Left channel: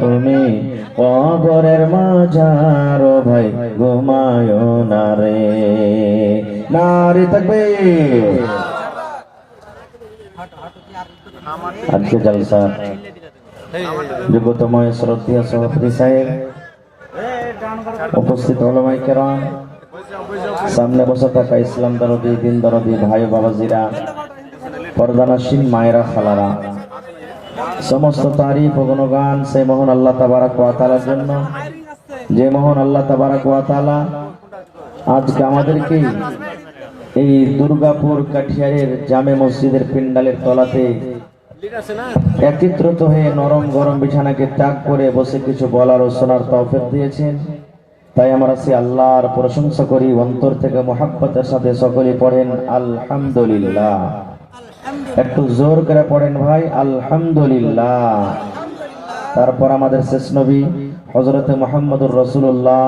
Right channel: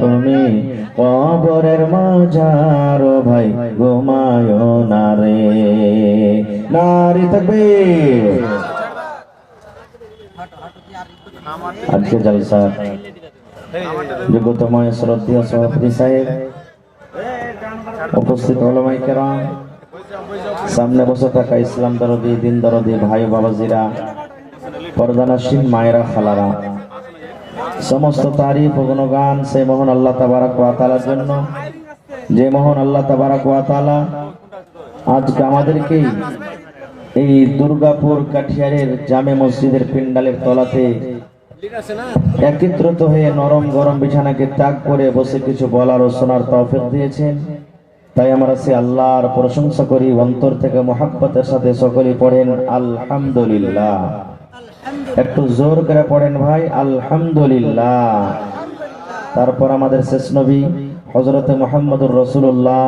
তুমি কবরের মাঝারো ভাই ঘুমায় না রে। নারী তাকবীর। আজকে জলসা যোগ্যতময় শ্রদ্ধেয় সভাপতি সাহেব, উপস্থিত ওলামায়ে কেরাম, সামনে বসে থাকা ইসলাম দরদি দিন দরদি ভাই বাবাজিরা, পর্দানশীন মায়েরা খালারা, সমস্ত তারিফ ও গুণগান সেই মহান আল্লাহ তাবারক ওয়া তাআলার জন্য, যে মহান আল্লাহ তাবারক ওয়া তাআলা আজকে আমাদেরকে এই দুর্গাপুর কাঠিয়ারের জামে মসজিদের পিন্ডালের তলাতে একত্রিত হয়ে নরম গরম বিছানাকে ত্যাগ করে বসে কিছু বলার ও শোনার তৌফিক দিয়েছেন। তাই আমরা সে আল্লাহর প্রশংসা করি, অন্তর থেকে মহব্বতের সাথে সকলেই পড়েন আলহামদুলিল্লাহ। একটু জোর করে পড়েন ভাই, আলহামদুলিল্লাহ। তারপর আমাদের শেষ নবী হযরতে মুহাম্মদুর রাসূলুল্লাহ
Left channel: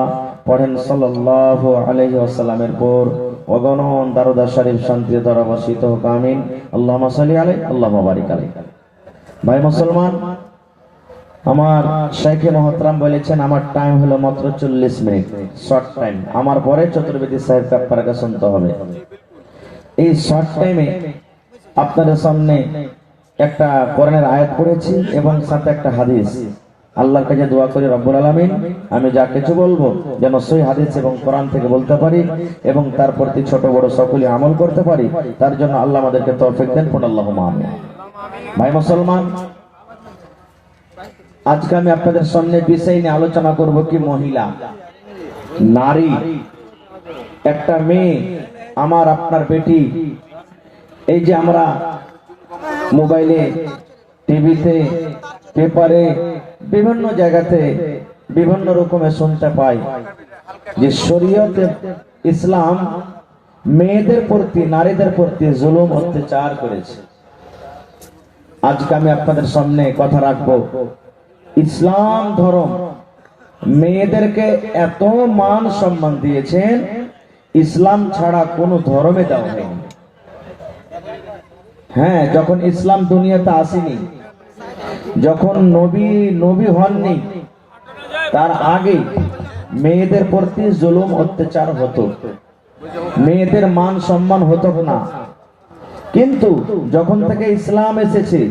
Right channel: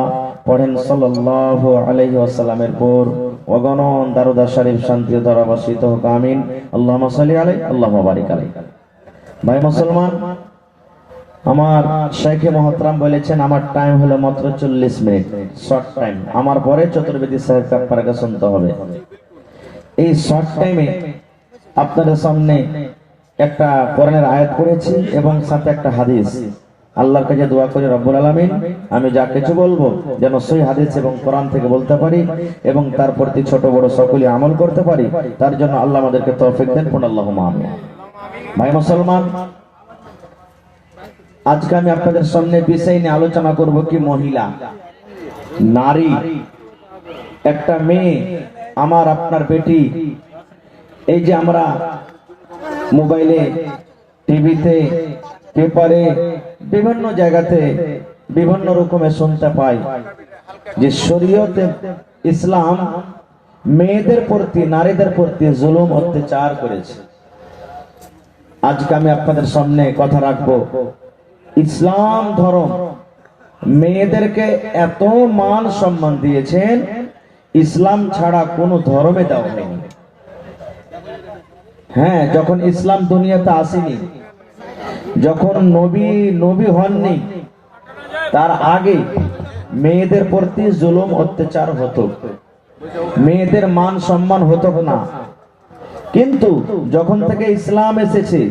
পড়েন সাল্লাল্লাহু আলাইহি ওয়াসাল্লামের পর অগণন দারুদ শরীফ শান্তি দ্বারা বর্ষিত হোক, আমিন। আল্লাহুম্মা সাল্লি আলাইহি আল্লাহুম্মা বারিক আলাইহি। ভাই মুসলমান, আমার শাইখে মুহতারাম বলেছেন আমার টাইম হলো মাত্র 40 মিনিট, শর্ট টাইম। আমার পরে চতুর্বেদী সাহেবকে আপনাকে শুনতে হবে। এই শর্ট টাইমে আপনাদের সামনে একটা কোরআনের আয়াত পড়েছি এবং সাথে একটা হাদিস। আল্লাহর কাছে দোয়া করি রব্বুল আলামিন আমি যা কিছু বলবো যেন সহিহ হাদিস এবং কোরআন থেকে বলতে পারি এবং তার প্রতি ছোট বড় সকলে আমল করতে পারি, তার জন্য আল্লাহ আমাদেরকে তৌফিক দেন। আল্লাহুম্মা আমিন। ভাই মুসলমান, আজকে আমি আপনাদের সামনে বিষয় নিয়ে আলোচনা করব কি মহিলা, নারী, একটা মেয়ে, আমার আপনার বেটি। এই যে আমরা মোবাইলে, টিভিতে, পেপারে, বিভিন্ন জায়গাতে বিভিন্ন রকমের শুনতে পাই যে শরীয়তে ইসলাম মেয়েদের প্রতি, নারীদের প্রতি জুলুম অত্যাচার করেছে। আজকে আমি আপনাদের সামনে কথা রাখবো, ইসলাম ধর্ম মেয়েদেরকে এত মান সম্মান দিয়েছেন, ইসলাম ছাড়া কোনো ধর্মে দেওয়া হয়নি। হ্যাঁ, যখন ইসলাম দুনিয়াতে আসেনি, যখন নবী হননি, তার আগে মেয়েদের প্রতি জুলুম অত্যাচার হতো, মেয়েদের মান সম্মান হতো না। কিন্তু যখন থেকে ইসলাম এসেছে,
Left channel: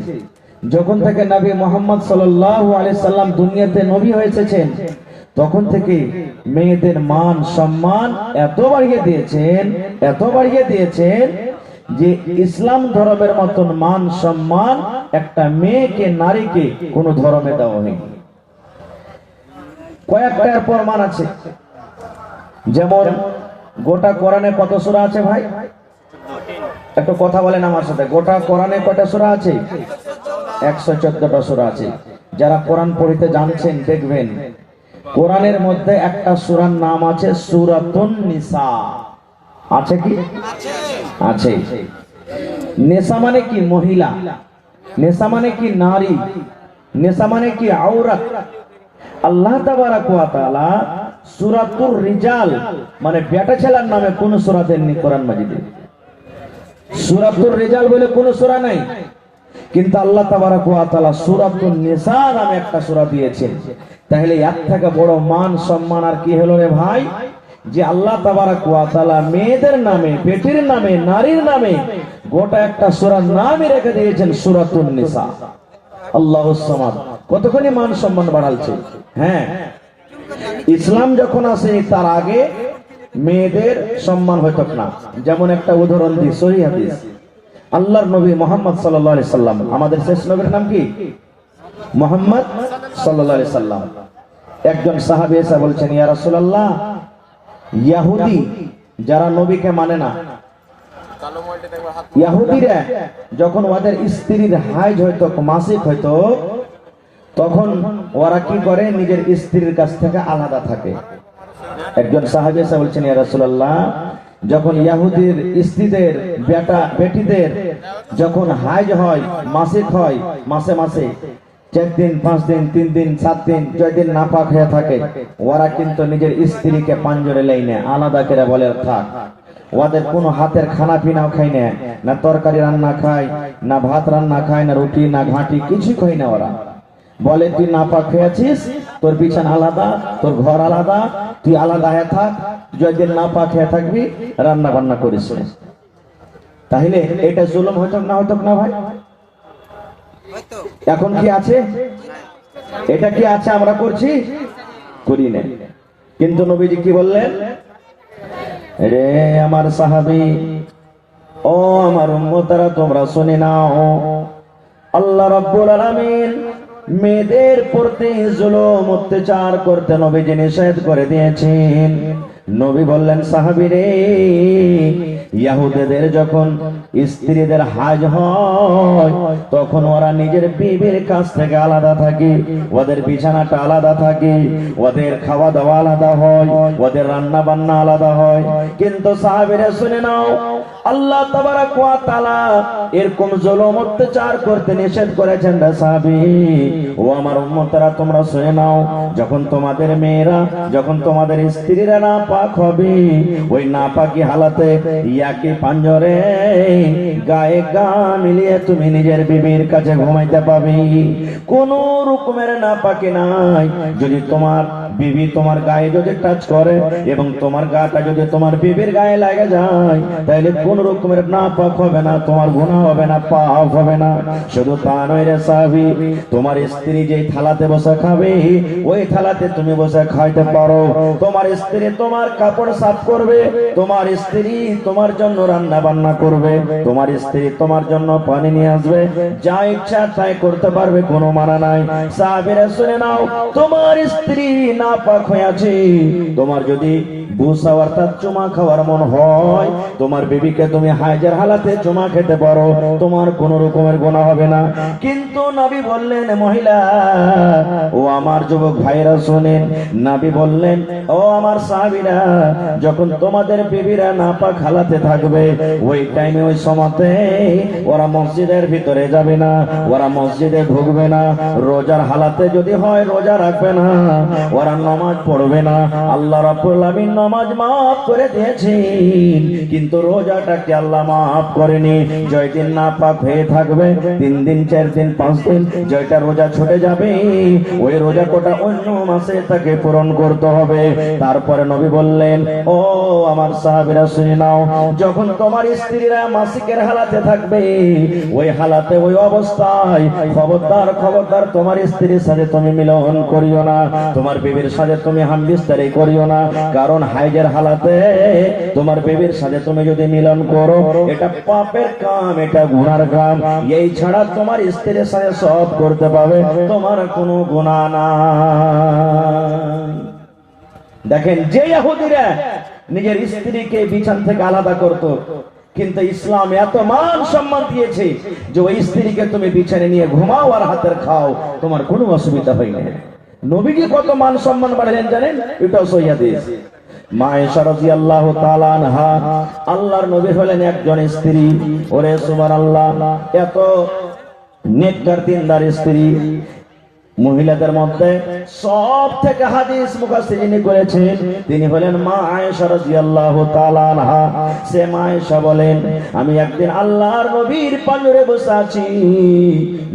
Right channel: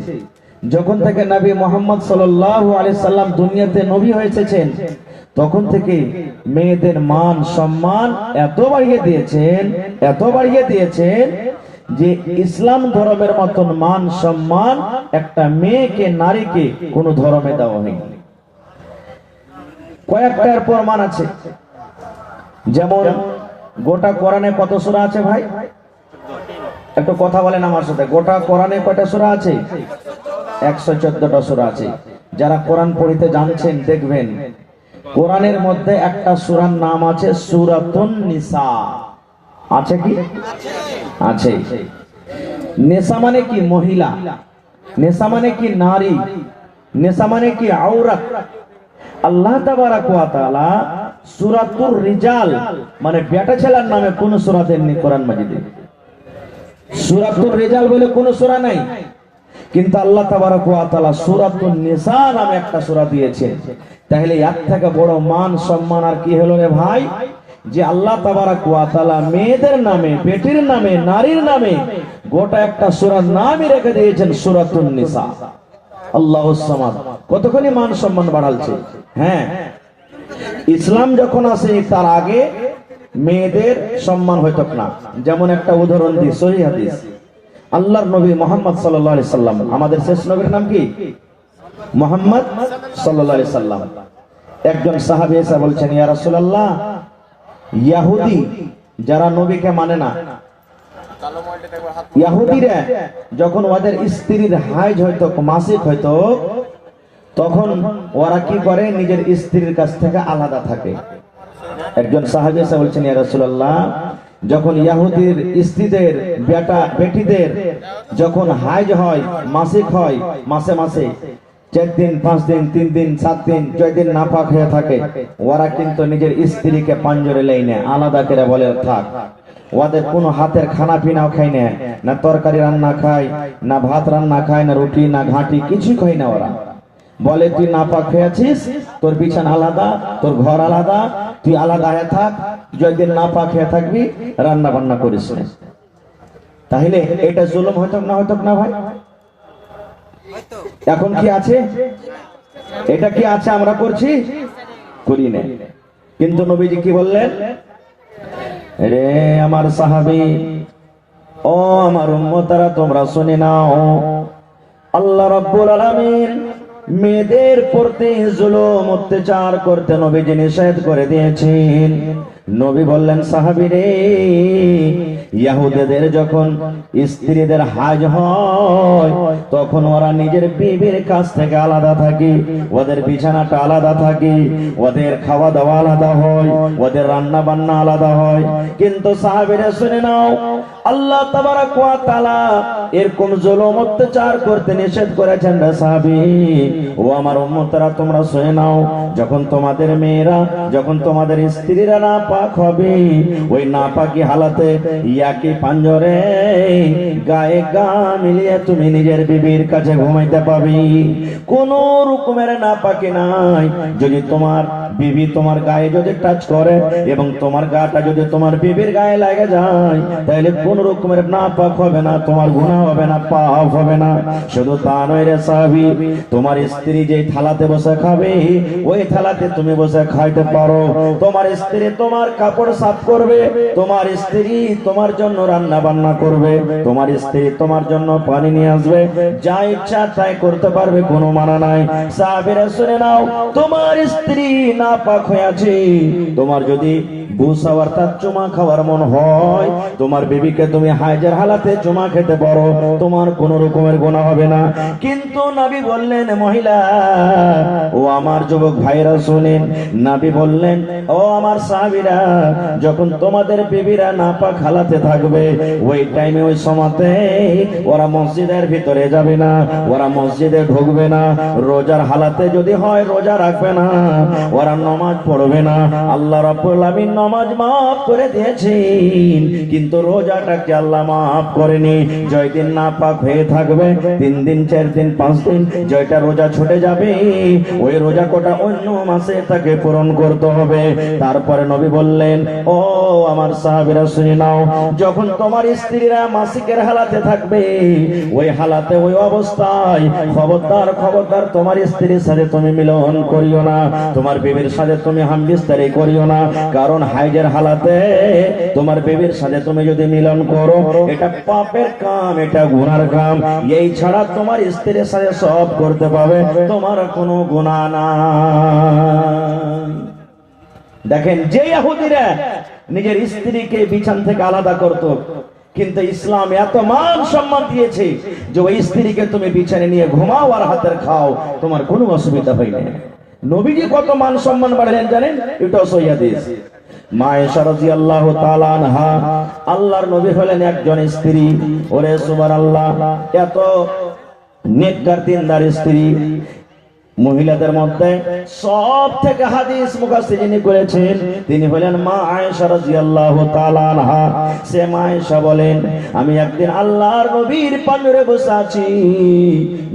যখন থেকে নবী মুহাম্মদ সাল্লাল্লাহু আলাইহি সাল্লাম দুনিয়াতে নবী হয়েছেন, তখন থেকে মেয়েদের মান সম্মান এত বাড়িয়ে দিয়েছেন, এত বাড়িয়ে দিয়েছেন যে ইসলাম ধর্মের মতন মান সম্মান একটা মেয়েকে, নারীকে কোন ধর্মে দেওয়া হয়নি। কয়েকটার প্রমাণ আছে। যেমন গোটা কোরআনে কত সূরা আছে ভাই? একটু কথা বলেন আমার সাথে। গোটা কোরআনে কয়টা সূরা আছে? 114টা সূরা আছে। যারা কোরআন পড়িতে জানছেন দেখবেন কোরআনের মধ্যে একটা সূরার নাম আছে সূরাতুন নিসা। আছে কি? আছে। নেশা মানে কি? মহিলা। নেশা মানে কি? নারী। নেশা মানে কি? আওরাত। আল্লাহ তাবারক ওয়া তাআলা সূরাতুর রিজাল মানে বেটা ছেলের নামে কোন সূরা দেননি কোরআন মাজিদে। সূরাতুর রিজাল বলে কোন সূরা নাই, কিন্তু আল্লাহ তাবারক ওয়া তাআলা সূরাতুন নিসা নামে একটা সূরা দিয়েছেন। তাহলে এর থেকে বড় মান সম্মান আর কি হলো রে ভাই, যে আল্লাহ তাবারক ওয়া তাআলা মেয়েদের নামে, বেটির নামে, নারীর নামে গোটা একটা সূরার নামই রেখে দিয়েছেন সূরাতুন নিসা। আল্লাহুস সামাদ। কতখানি মান সম্মান বাড়ালছে। হ্যাঁ, ইসলাম যখন আসে তার আগে মেয়েদের সম্মান হতো না। যেমন একটা উদাহরণ দিই, সহিহ হাদিস। আল্লাহর নবী মুহাম্মদ সাল্লাল্লাহু আলাইহি সাল্লাম, আমাদের শেষ নবীর নাম কি? মুহাম্মদ সাল্লাল্লাহু আলাইহি সাল্লাম। একজন সাহাবী এসে বলছেন, ইয়া রাসূলুল্লাহ, ইহুদি যারা নবীকে মানে না, ইহুদিরা যখন ওদের স্ত্রীর হাইজ হয়তো, মাসিক হয়তো, তখন ওরা কি করে? নিজের স্ত্রীর কাছ থেকে আলাদা থাকে। একজন সাহাবী এসে বলছেন, ইয়া রাসূলুল্লাহ, যখন ইহুদির স্ত্রীদের, বেটিদের যখন হাইজ হয়, মাসিক হয়, মাসে মাসে 4 দিন, 5 দিন, 3 দিন, 7 দিন, 6 দিন নাপাক হয়ে থাকে, ওরা কিন্তু নিজের স্ত্রীকে পাঞ্জরে লেই না, আলাদা করে বলে থাক। ওদের কোনো হাতের খানা পিনাও খায় না, না তরকারি রান্না খায়, না ভাত রান্না খায়, না রুটি, না ঘাঁটি, কিছু খায় না ওরা। বলে তুই নাপাক হয়েছিস, তোর বিছানা আলাদা, তোর ঘর আলাদা, তুই আলাদা হয়ে থাক, যতদিন নাপাক হয়ে থাকবি রান্না বান্না করিস না। তাহলে এটা জুলুম হইতো না, হইতো না ভাই? এখন কি আছে? এটা কি আছে? আমরা করছি? করি না। কিন্তু নবীজি কি বললেন? রে আমার সাহাবী, ও আমার উম্মতেরা, তোমরা শুনে নাও, আল্লাহ রাব্বুল আলামিন মেয়েদের প্রতি জুলুম অত্যাচার করতে নবীজি নিষেধ করে দিয়েছেন। নবী বললেন, সাহাবীরে, ইহুদিদের যখন স্ত্রীদের হাজ হয় তখন ওরা নিজের বিবির কাছ থেকে আলাদা থাকে, ওদের বিছানাটা আলাদা থাকে, ওদের খাওয়া দাওয়া আলাদা হয়, ওদের রান্না বান্না আলাদা হয়। কিন্তু সাহাবীরা শুনে নাও, আল্লাহ তাবারক ওয়া তাআলা এরকম জুলুম অত্যাচার করতে নিষেধ করেছেন। রে সাহাবী, ও আমার উম্মতরা, তোমরা শুনে নাও, যখন তোমাদের মেয়েরা, যখন তোমাদের স্ত্রীরা নাপাক হবে, ওই নাপাকি হালাতে ইয়াকি পাঞ্জরে গায়ে গা মিলিয়ে তুমি নিজের বিবির কাছে ঘুমাইতে পাবে। কোন রকমের নাপাকি নাই। যদি তোমার বিবি তোমার গায়ে যদি টাচ করে এবং তোমার গাটা যদি তোমার বিবির গায়ে লাগে যায়, তাহলে কোন রকমের নাপাক হবে না, তোমার গুনাহ হবে না, পাপ হবে না। শুধু তা নয় রে সাহাবী, তোমার স্ত্রী যে থালাতে বসে খাবে ওই থালাতে তুমি বসে খাইতে পারো। তোমার স্ত্রী তোমার কাপড় সাফ করবে, তোমার স্ত্রী তোমার জন্য রান্না বান্না করবে, তোমার স্ত্রী তোমার জন্য পানি নিয়ে আসবে, যা ইচ্ছা তাই করতে পারবে, কোনো মানা নাই। সাহাবীরা শুনে নাও, তোমার স্ত্রী নাপাক হয়ে আছে, তোমার যদি বুসা অর্থাৎ চুমা খাওয়ার মন হয়, তোমার বিবিকে তুমি হাইজের হালাতে চুমা খেতে পারো, তোমার কোন রকমের গুনাহ হবে না। কিন্তু নবী বললেন, মহিলা, ও আমার যুবক ভাইরা শুনেন, নবী বললেন, ও আমার সাহাবীরা, যখন তোমাদের বিবিরা নাপাক হালাতে থাকবে, ওই টাইমে ওই সময়তে ওরা মসজিদের ভিতরে যাবে না, ওরা মসজিদে ঢুকবে না, রোজার হালাতে যদি হয় রোজা রাখবে না, ওরা নামাজ পড়বে না। আল্লাহ রাব্বুল আলামিন নামাজ মাফ করে দিয়েছেন, কিন্তু রোজাটাকে আল্লাহ মাফ করেনি। জয়দিন নাপাক হয়ে থাকবে, 3 দিন 4 দিন 5 দিন, জয়টা রোজা ছুটে যাবে, ওই রোজা কোটা অন্য মাসে তাকে পূরণ করতে হবে। তারপরে নবী বললেন, ও আমার সাহাবীরা শুনে নাও, যখন তোমার স্ত্রীরা মাসিকের হালাতে থাকবে, ওই হালাতে ওই অবস্থায় খবরদার খবরদার তোমার স্ত্রীর সাথে তুমি মিলন করিও না, তোমার বিবির সাথে তুমি হামবিস্তারি করিও না। কারণ হাইজের হালাতে তোমার বিবির সাথে তুমি যদি মিলন করো, এটা পাপের কাম, এটা গুনার কাম। এই ছাড়া তোমার স্ত্রীর সাথে সব করতে পাবে, তোমার কোনো গুনাহ নাই। দেখেন, যে ইহুদিরা নিজের স্ত্রীকে বিছান থেকে আলাদা করত, কিন্তু ইসলাম এত মান সম্মান দিয়েছে যে ওই স্ত্রীকে তুমি বিছানে নিয়ে ঘুমাও আর হাতের খাও, তোমার কোনো অসুবিধা হয় না। নবীজি কত মান সম্মান বাড়ালেন জানেন? এটা সহিহ হাদিস। মা আয়েশা রাদিয়াল্লাহু তাআলা আনহা, আল্লাহর নবী হলেন একজন স্ত্রী। ওরে সুবহানাল্লাহ, এত নেককার দিনদার স্ত্রী। মহিলাদের মধ্যে সব থেকে হাদিস মুফাসসিরিন করেছেন, তিনি হলেন মা আয়েশা রাদিয়াল্লাহু তাআলা আনহা। সে মা আয়েশা বলেন, আমি একদিন আল্লাহর নবীর পাঞ্জরে বসে আছি,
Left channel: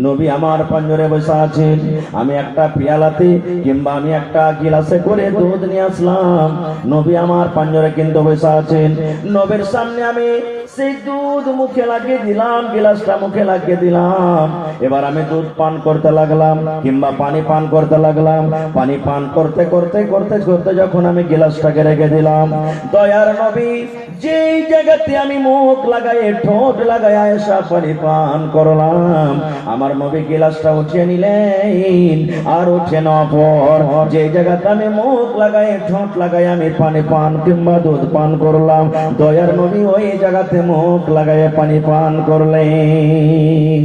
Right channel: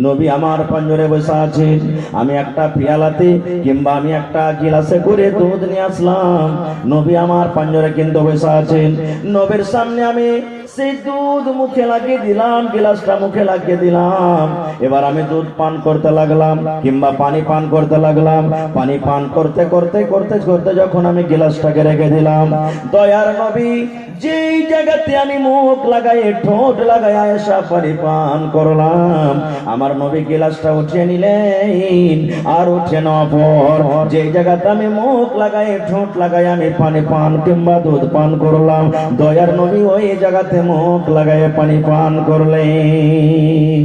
নবী আমার পাঞ্জরে বসে আছেন, আমি একটা পিয়ালাতে কিংবা আমি একটা গিলাসে করে দুধ নিয়ে আসলাম, নবী আমার পাঞ্জরে কিন্তু বসে আছেন। নবীর সামনে আমি সেই দুধ মুখে লাগিয়ে দিলাম, গিলাসটা মুখে লাগিয়ে দিলাম, এবার আমি দুধ পান করতে লাগলাম কিংবা পানি পান করতে লাগলাম। পানি পান করতে করতে করতে করতে যখন আমি গিলাসটাকে রেখে দিলাম, দয়ার নবী যেই জায়গাতে আমি মুখ লাগাই ঠোঁট লাগাই আয়েশা পানি পান করলাম, আমার নবী গিলাসটা উঠিয়ে নিলেন, আর উঠে নেওয়ার পর যেই জায়গাতে আমি মুখ লাগাই ঠোঁট লাগাই আমি পানি পান কিংবা দুধ পান করলাম, দয়ার নবী ওই জায়গাতে মুখ লাগাই পানি পান করলেন।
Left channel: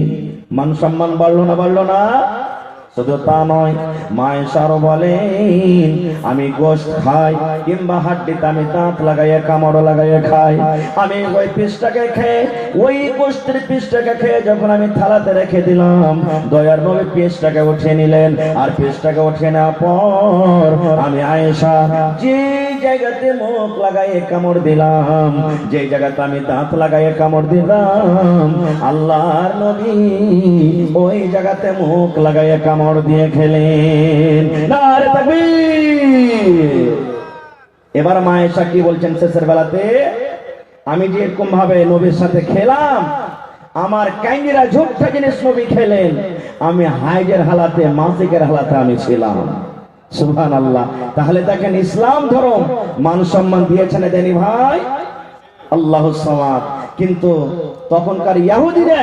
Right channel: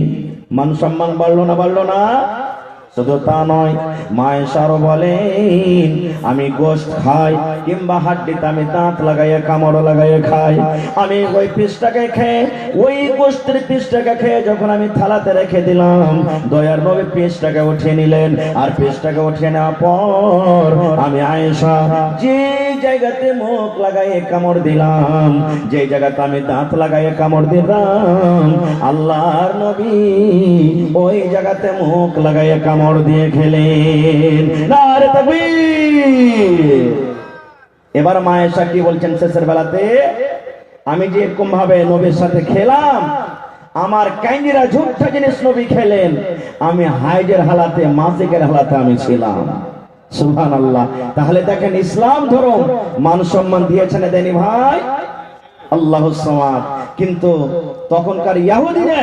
মান সম্মান বাড়লো না, বাড়লো না? শুধু তা নয়, মা আয়েশা আরো বলেন, আমি গোশত খাই কিংবা হাড্ডিতে আমি দাঁত লাগাইয়া কামড় লাগাইয়া খাই, আমি ওই পিসটাকে খেয়ে ওই গোশতের পিসটাকে খেয়ে যখন আমি থালাতে রেখে দিলাম, দয়ার নবী পিসটাকে উঠিয়ে নিলেন, আর পিসটাকে উঠিয়ে নেওয়ার পর আমি আয়েশা যে জায়গাতে মুখ লাগাইয়ে কামড় দিলাম, যে জায়গাতে আমি দাঁত লাগাইয়ে কামড় দিলাম, আল্লাহর নবী ওই জায়গাতে মুখ লাগাইয়ে কামড় দিয়ে খেলেন। নারে তাকবীর। এবার মা আয়েশা কি বলছেন শেষের বেলাতে, আমি যে এরকম ভাবে নবীর সাথে খেলাম, আমার কাইন্দিরা ঝুটটা জিনিস নবী খেলেন, আমি হাইজের হালাতে মাসিকের হালাতে আমি ছিলাম। সুবহানাল্লাহ। তাহলে দেখেন ইসলাম ধর্ম মান সম্মান দিয়েছেন দেনি ভাই, আল্লাহু সামাদ। কিন্তু তখনকার ইহুদিরা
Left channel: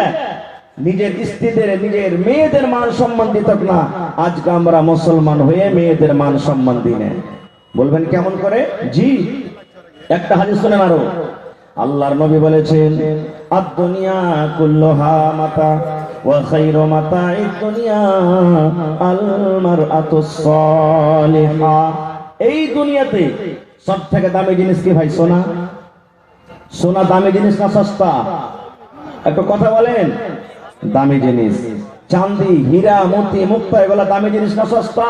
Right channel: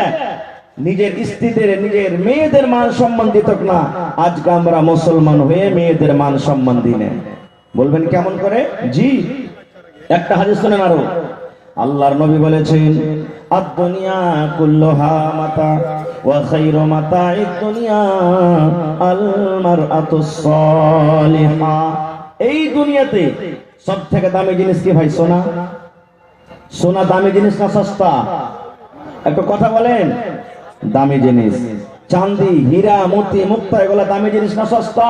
নিজের স্ত্রীদের নিজের মেয়েদের মান সম্মান দিত না। আজকে আমরা মুসলমান হয়ে মেয়েদের মান সম্মান দিই না। বলবেন কেমন করে? জি, একটা হাদিস শুনেন আরো। আল্লাহর নবী বলেছেন, আদ-দুনিয়া কুল্লুহা মাতা ওয়া খায়রু মাতা'id দুনিয়া আল মারআতুস সালিহা। এই দুনিয়াতে সবথেকে দামি জিনিস কি ভাই? সোনা। সোনা দামি জিনিস না সস্তা? একটু কথা বলেন। দামি জিনিস। চাঁদি, হীরা, মতি, মুক্তা এগুলো দামি জিনিস না সস্তা?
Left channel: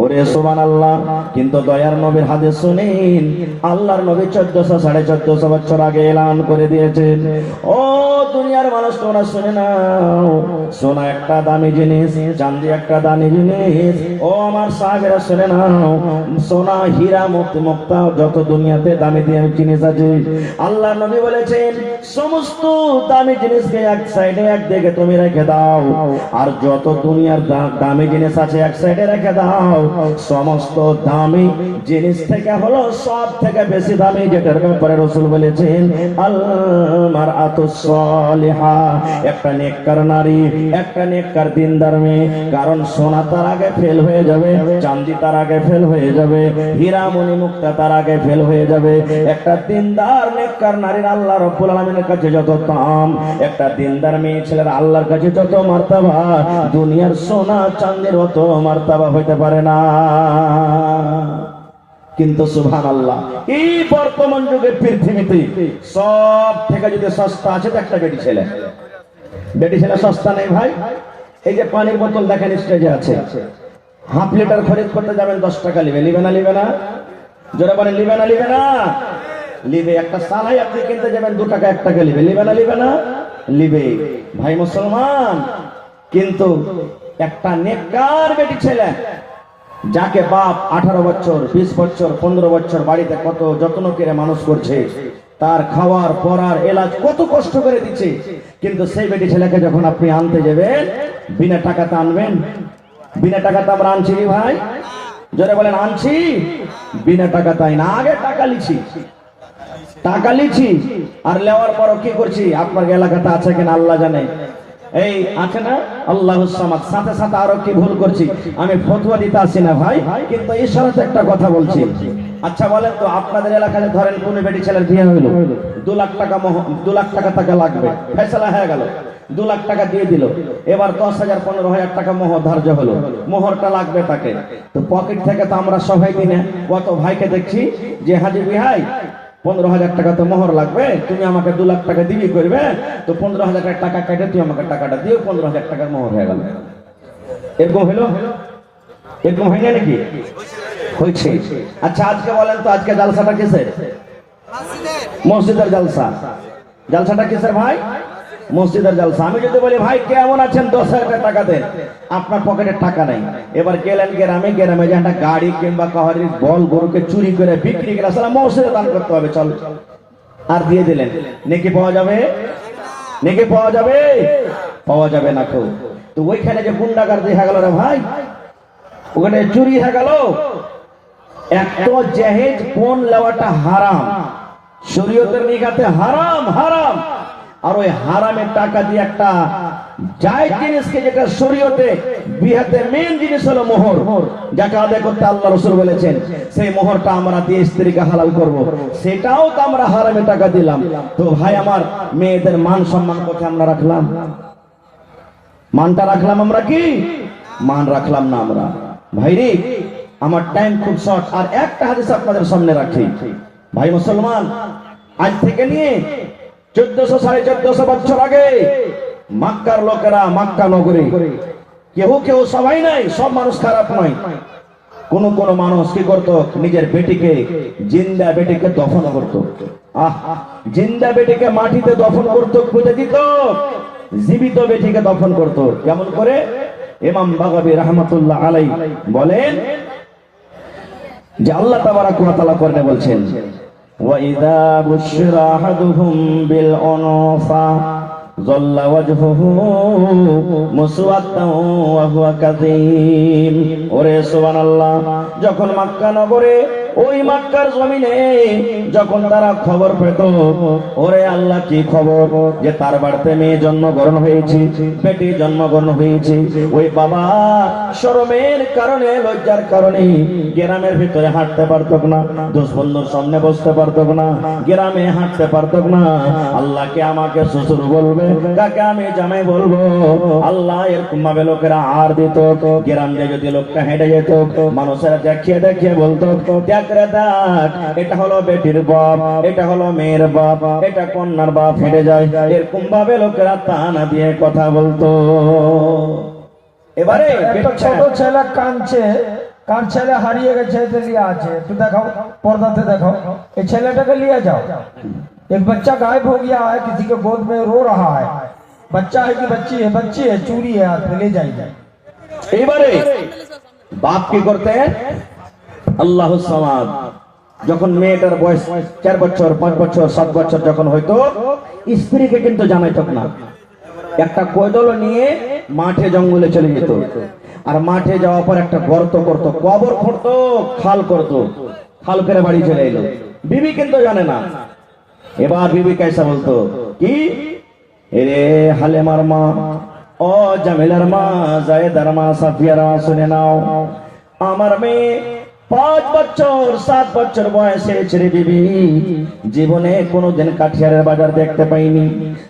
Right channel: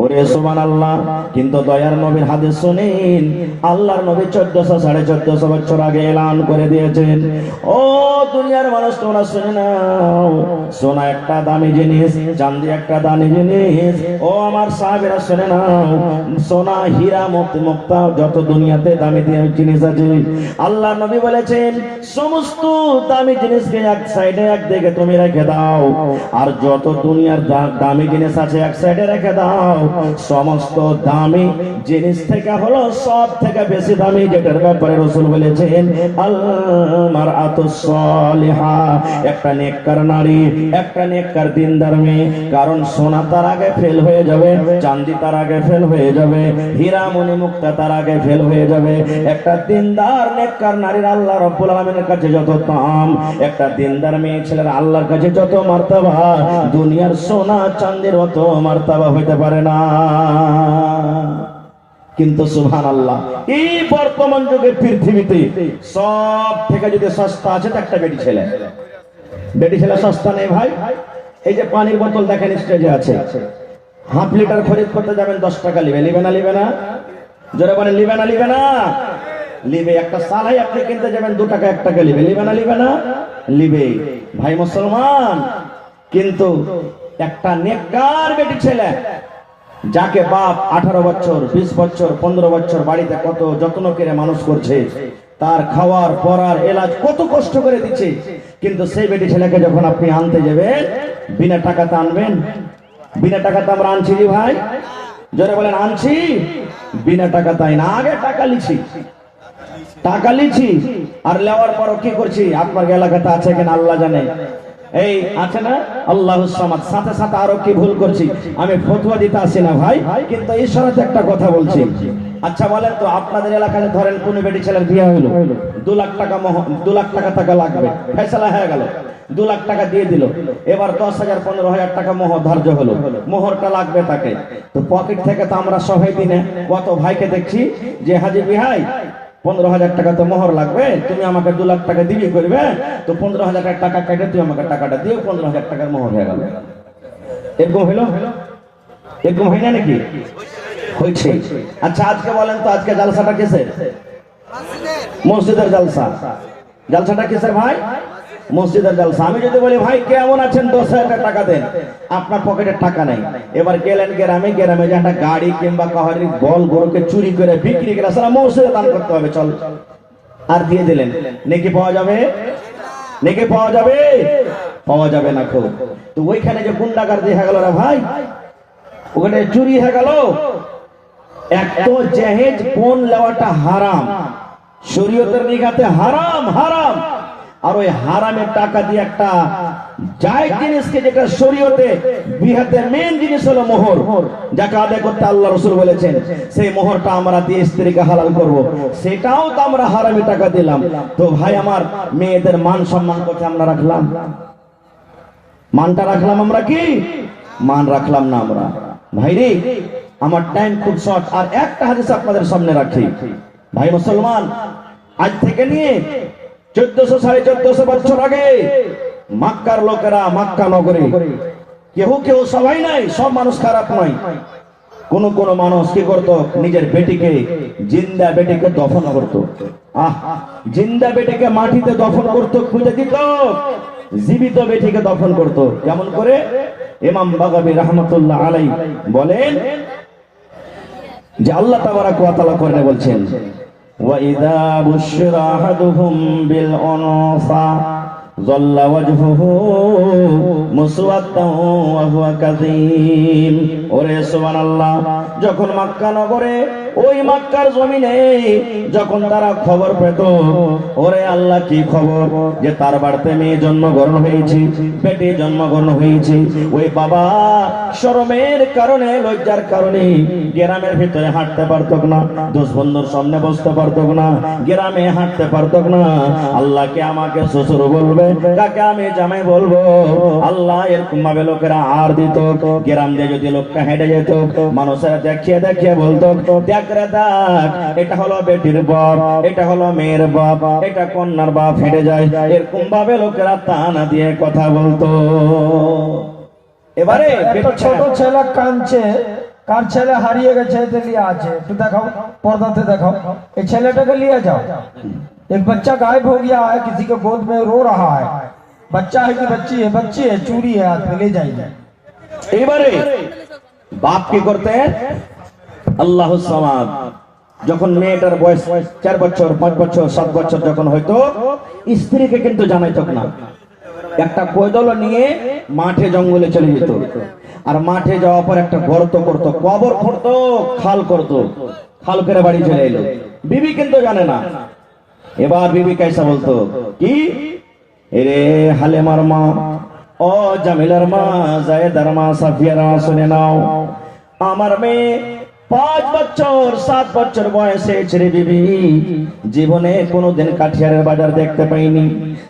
ওরে সুবহানাল্লাহ। কিন্তু দয়ার নবীর হাদিস শুনেন, আল্লাহর নবী 1400-1450 বছর আগে এলান করে দিয়েছেন, ও দুনিয়ার মানুষ তোমরা শুনে নাও, সোনা একটা দামি জিনিস, চাঁদি একটা দামি জিনিস। ও আমার সাহাবীরা শুনে নাও, সোনা, হীরা, মুক্তা যত দুনিয়াতে দামি জিনিস আছে, আল্লাহর নবী বলেছেন সমস্ত দামি জিনিসকে এক সাইডে একদিকে তুমি রেখে দাও, আর যত দুনিয়ার দামি জিনিস আছে এক সাইডে রেখে দাও। সমস্ত দামি জিনিস থেকে হলো সব থেকে বেশি দামি যেটার ব্যাপারে রাসূল বলেছেন, আল মারআতুস সালিহা, একটা নেককার নারী, একটা নেককার দিনদার মেয়ে। কারণ সোনা তার আগে ফেল হয়ে যাবে, চাঁদি তার আগে ফেল হয়ে যাবে, হীরা মণি মুক্তা তার আগে ফেল হয়ে যাবে। একটা দিনদার নেককার নারীর আল্লাহ রাব্বুল আলামিনের কাছে যত দাম, একটা দিনদার মেয়ে ছেলের আল্লাহর কাছে যত মার্তবা, দুনিয়ার সোনা চাঁদের মত মার্তবা হইতে পারে না। কিন্তু সুবহানাল্লাহ, এই বর্তমান যুগের পৃথিবীতে সব থেকে যদি সস্তা আছে তো একটা বেটি ছেলে। বেটি ছেলে সস্তা নেই ভাই। এই যে পানির বোতল দেখেন স্টেজে আছে, হাফ লিটার খরিদ করতে যাবেন 10 টাকা লিবে, লিবে না লিবে না? জোরে বলেন, লিবে না লিবে না? লিবে। একটা সালাই আপনি কিনতে যাবেন 2 টাকা 1 টাকা লিবে, লিবে না লিবে না? লিবে ভাই মুসলমান। কিন্তু একটা নেককার বেটি ছেলে, যাকে বাপ 18 বছর 20 বছর 15 বছর বাড়িতে কত যত্ন করে মানুষ করছে, তার খাওয়ার পরার এলাজ কত কষ্ট করে দিচ্ছে, কিন্তু সেই বেটি ছেলেকে যখন আপনি আনতে যাবেন, বিনা টাকাতে আনবেন? বিনা টাকাতে আমরা আনছি ভাই? যারা বলেন আনছি, বিনা টাকা তাই না, আগে টাকা লিছি, টাকা লিছি, আর লেওয়ার পর কি করছি আপনার এলাকাতে আছে কিনা আল্লাহ জানে। এই আছে না আল্লাহুস সামাদ, সাথে সাথে আরো কি ভুল করছি, আমি ফতোয়া দিতে আসি না ভাই, কিন্তু এই সাথে একটা কথা বলছি। আচ্ছা বলেন তো, আপনাদের এলাকায় ধরেন কোন বেটি ছেলের বিয়ে হইল, 2 লাখ টাকা 2 লাখ টাকা লাগবে, ফয়সালা হয়ে গেল, 2 লাখ টাকা দিয়ে দিল। এবার 10,000 15,000 টাকা মোহর ধার্য হলো, মোহরটা লাগবে তাকে। তো পকেট থেকে তো আমরা সবাই দিনে কত ভাইকে দেখছি যে হাজি ভাই 15,000 টাকা তো মোহর লাগবে, তুমি আমাকে 2 লাখ টাকা দিবি করবে, তো 15,000 টাকা কেটে তুই আমাকে টাকাটা দিও, 15,000 টাকার মোহর হয়ে গেল। এরকম হলো? এরকম হয় না নাকি? হয়েছে। আচ্ছা আজকে বলেন তো, আজকে জালসাটা কিসের? মসজিদের জালসা। জালসাটা কিসের ভাই? মসজিদের জালসা। আমি যদি বলি ভাই কেমন আছেন, 10,000 টাকা দেন, আপনার পকেটে টাকা নাই। এবার গেলেন গ্রামে, গ্রামে যে একটা গাড়ি কিংবা কাহারি বল গরুকে চুরি করে বিক্রি করে আসলে মসজিদে দান করতে হবে, চল, আর দিয়ে দিলেন, নেকি পাওয়া যাবে? নেকি পাওয়া যাবে? পাওয়া যাবে না। খুব তো ওইখানে যে গুন্ডাগার্দি হয়ে গেল না ভাই, ওখানে চুরি হয়ে গেল। একটা জাহেজ পণ লওয়াটা হারাম, শরীয়তের নিগাতে হারাম, হারাম। আর ওই হারামের টাকা দিয়ে একটা জায়েজ জিনিসকে, যেটা শরীয়তে বিহাতের মেইন জিনিস হলো মোহর, যাকে আদায় করতে আল্লাহ রাসূল বলেছেন, সেই মোহরটা আমরা দিয়ে স্ত্রীকে হালাল করব, সেটাও তো আমরা হারামে টাকা দিলাম। তো ভাই আমার, মেয়েদের মান সম্মান কোথায় আমরা রাখলাম? মানটা রাখলাম আমরা কি? মান রাখলাম না আমরা ভাইরে। আমার টাইম খুব শর্ট, আর একটা হাদিস আপনাদের সামনে রাখি ভাই মুসলমান। আজ থেকে নিয়ে 1400-1450 বছর আগে মক্কার লোকেরা, মক্কা নগরী, কেউ কেউ সবাই নাই, সব মানুষ খারাপ নয়, কোন কোন মানুষ কি করতো, নিজের বেটিকে, জিন্দা বেটিকে দফন করতো। জিন্দা বেটিকে মাটিতে দফন করতো, খুঁজে দিত, জীবিত বেটিকে দফন করতো। কেমন করে? ইমাম বাগাবী রাহমাতুল্লাহ আলাইহি বলেন যে আল্লাহ তাবারাক ওয়া তাআলা কোরআনে বলছেন, ওয়া ইযা বুশিরা আহাদুহুম বিল উনসা যাল্লা ওয়াজহুহু মুসওয়াদ্দান ওয়া হুয়া কাযীম। ওরে সুবহানাল্লাহ, যখন মক্কা নগরে, ওই মক্কার জমিনে যখন তারা খবর পেত, ওরে আল্লাহ কি খবর, যে তার বাড়িতে মেয়ে জন্মগ্রহণ হয়েছে, বেটি জন্মগ্রহণ হয়েছে, ওই বাবা শরমের কারণে, লজ্জার কারণে গ্রামের ভিতরে হাঁটতে পারত না, দোষ বন্ধুর সামনে বসতে পারত না, গ্রামে হাঁটতে পারত না। আল্লাহকে আমাকে শ্বশুর বলবে, কাকে আমি জামাই বলবো। আল্লাহ এরকম ভাবে লোকেরা আর দিত। গ্রাম দিয়ে যদি লোকটা হেঁটে যেত, মানুষেরা দেখিয়ে দেখিয়ে বলতো, দেখ রে দেখ, এটা হলো বেটির বাপ, এটা হলো মেয়ের বাপ, এটা কন্যার বাপ, হেঁটে যায়। এরকম ভাবে লোকেরা তানা দিয়ে কথা বলতো। এবারে ছোট ছেলে কাঁদছে, কার ছেলে হারিয়ে গেছে, লিয়ে আছে, একটু দেখাও, पर्दे देखो, एक छेले को लिया जाओ, एक बच्चा गायब हो गया है, किसी के गोद में रो रहा है, बच्चा है कि बच्ची है, बच्ची है, चूड़ी है हाथ में, ले जाइए। এবারে বাপ কি করতেন? আল্লাহু সামাদ। যখন মেয়েটার বয়স 4 বছর, 5 বছর, 7 বছর যখন হয়তো, স্ত্রীকে কিন্তু জানাইতো না। একটা কোদল নিয়ে মাঠে জঙ্গলে চলে যেত, আর মাঠে যাওয়ার পর একটা গর্ত করত, কবর করতো, খাল করতো, খাল করে বাড়ি চলে এলো। বিবি কিন্তু জানে না। এবার বিবি কাইসা বলতো কি, এরে হালেমার মা, ও জামিলার মা, জায়েদার মা, সাফিয়ার মা, শুনে নাও, আমার মেয়ে 5 বছর 7 বছর বয়সে ছেড়ে বিবি জীবনে কোনোদিন কাঠিয়ারের বাজার দেখতে পাইনি,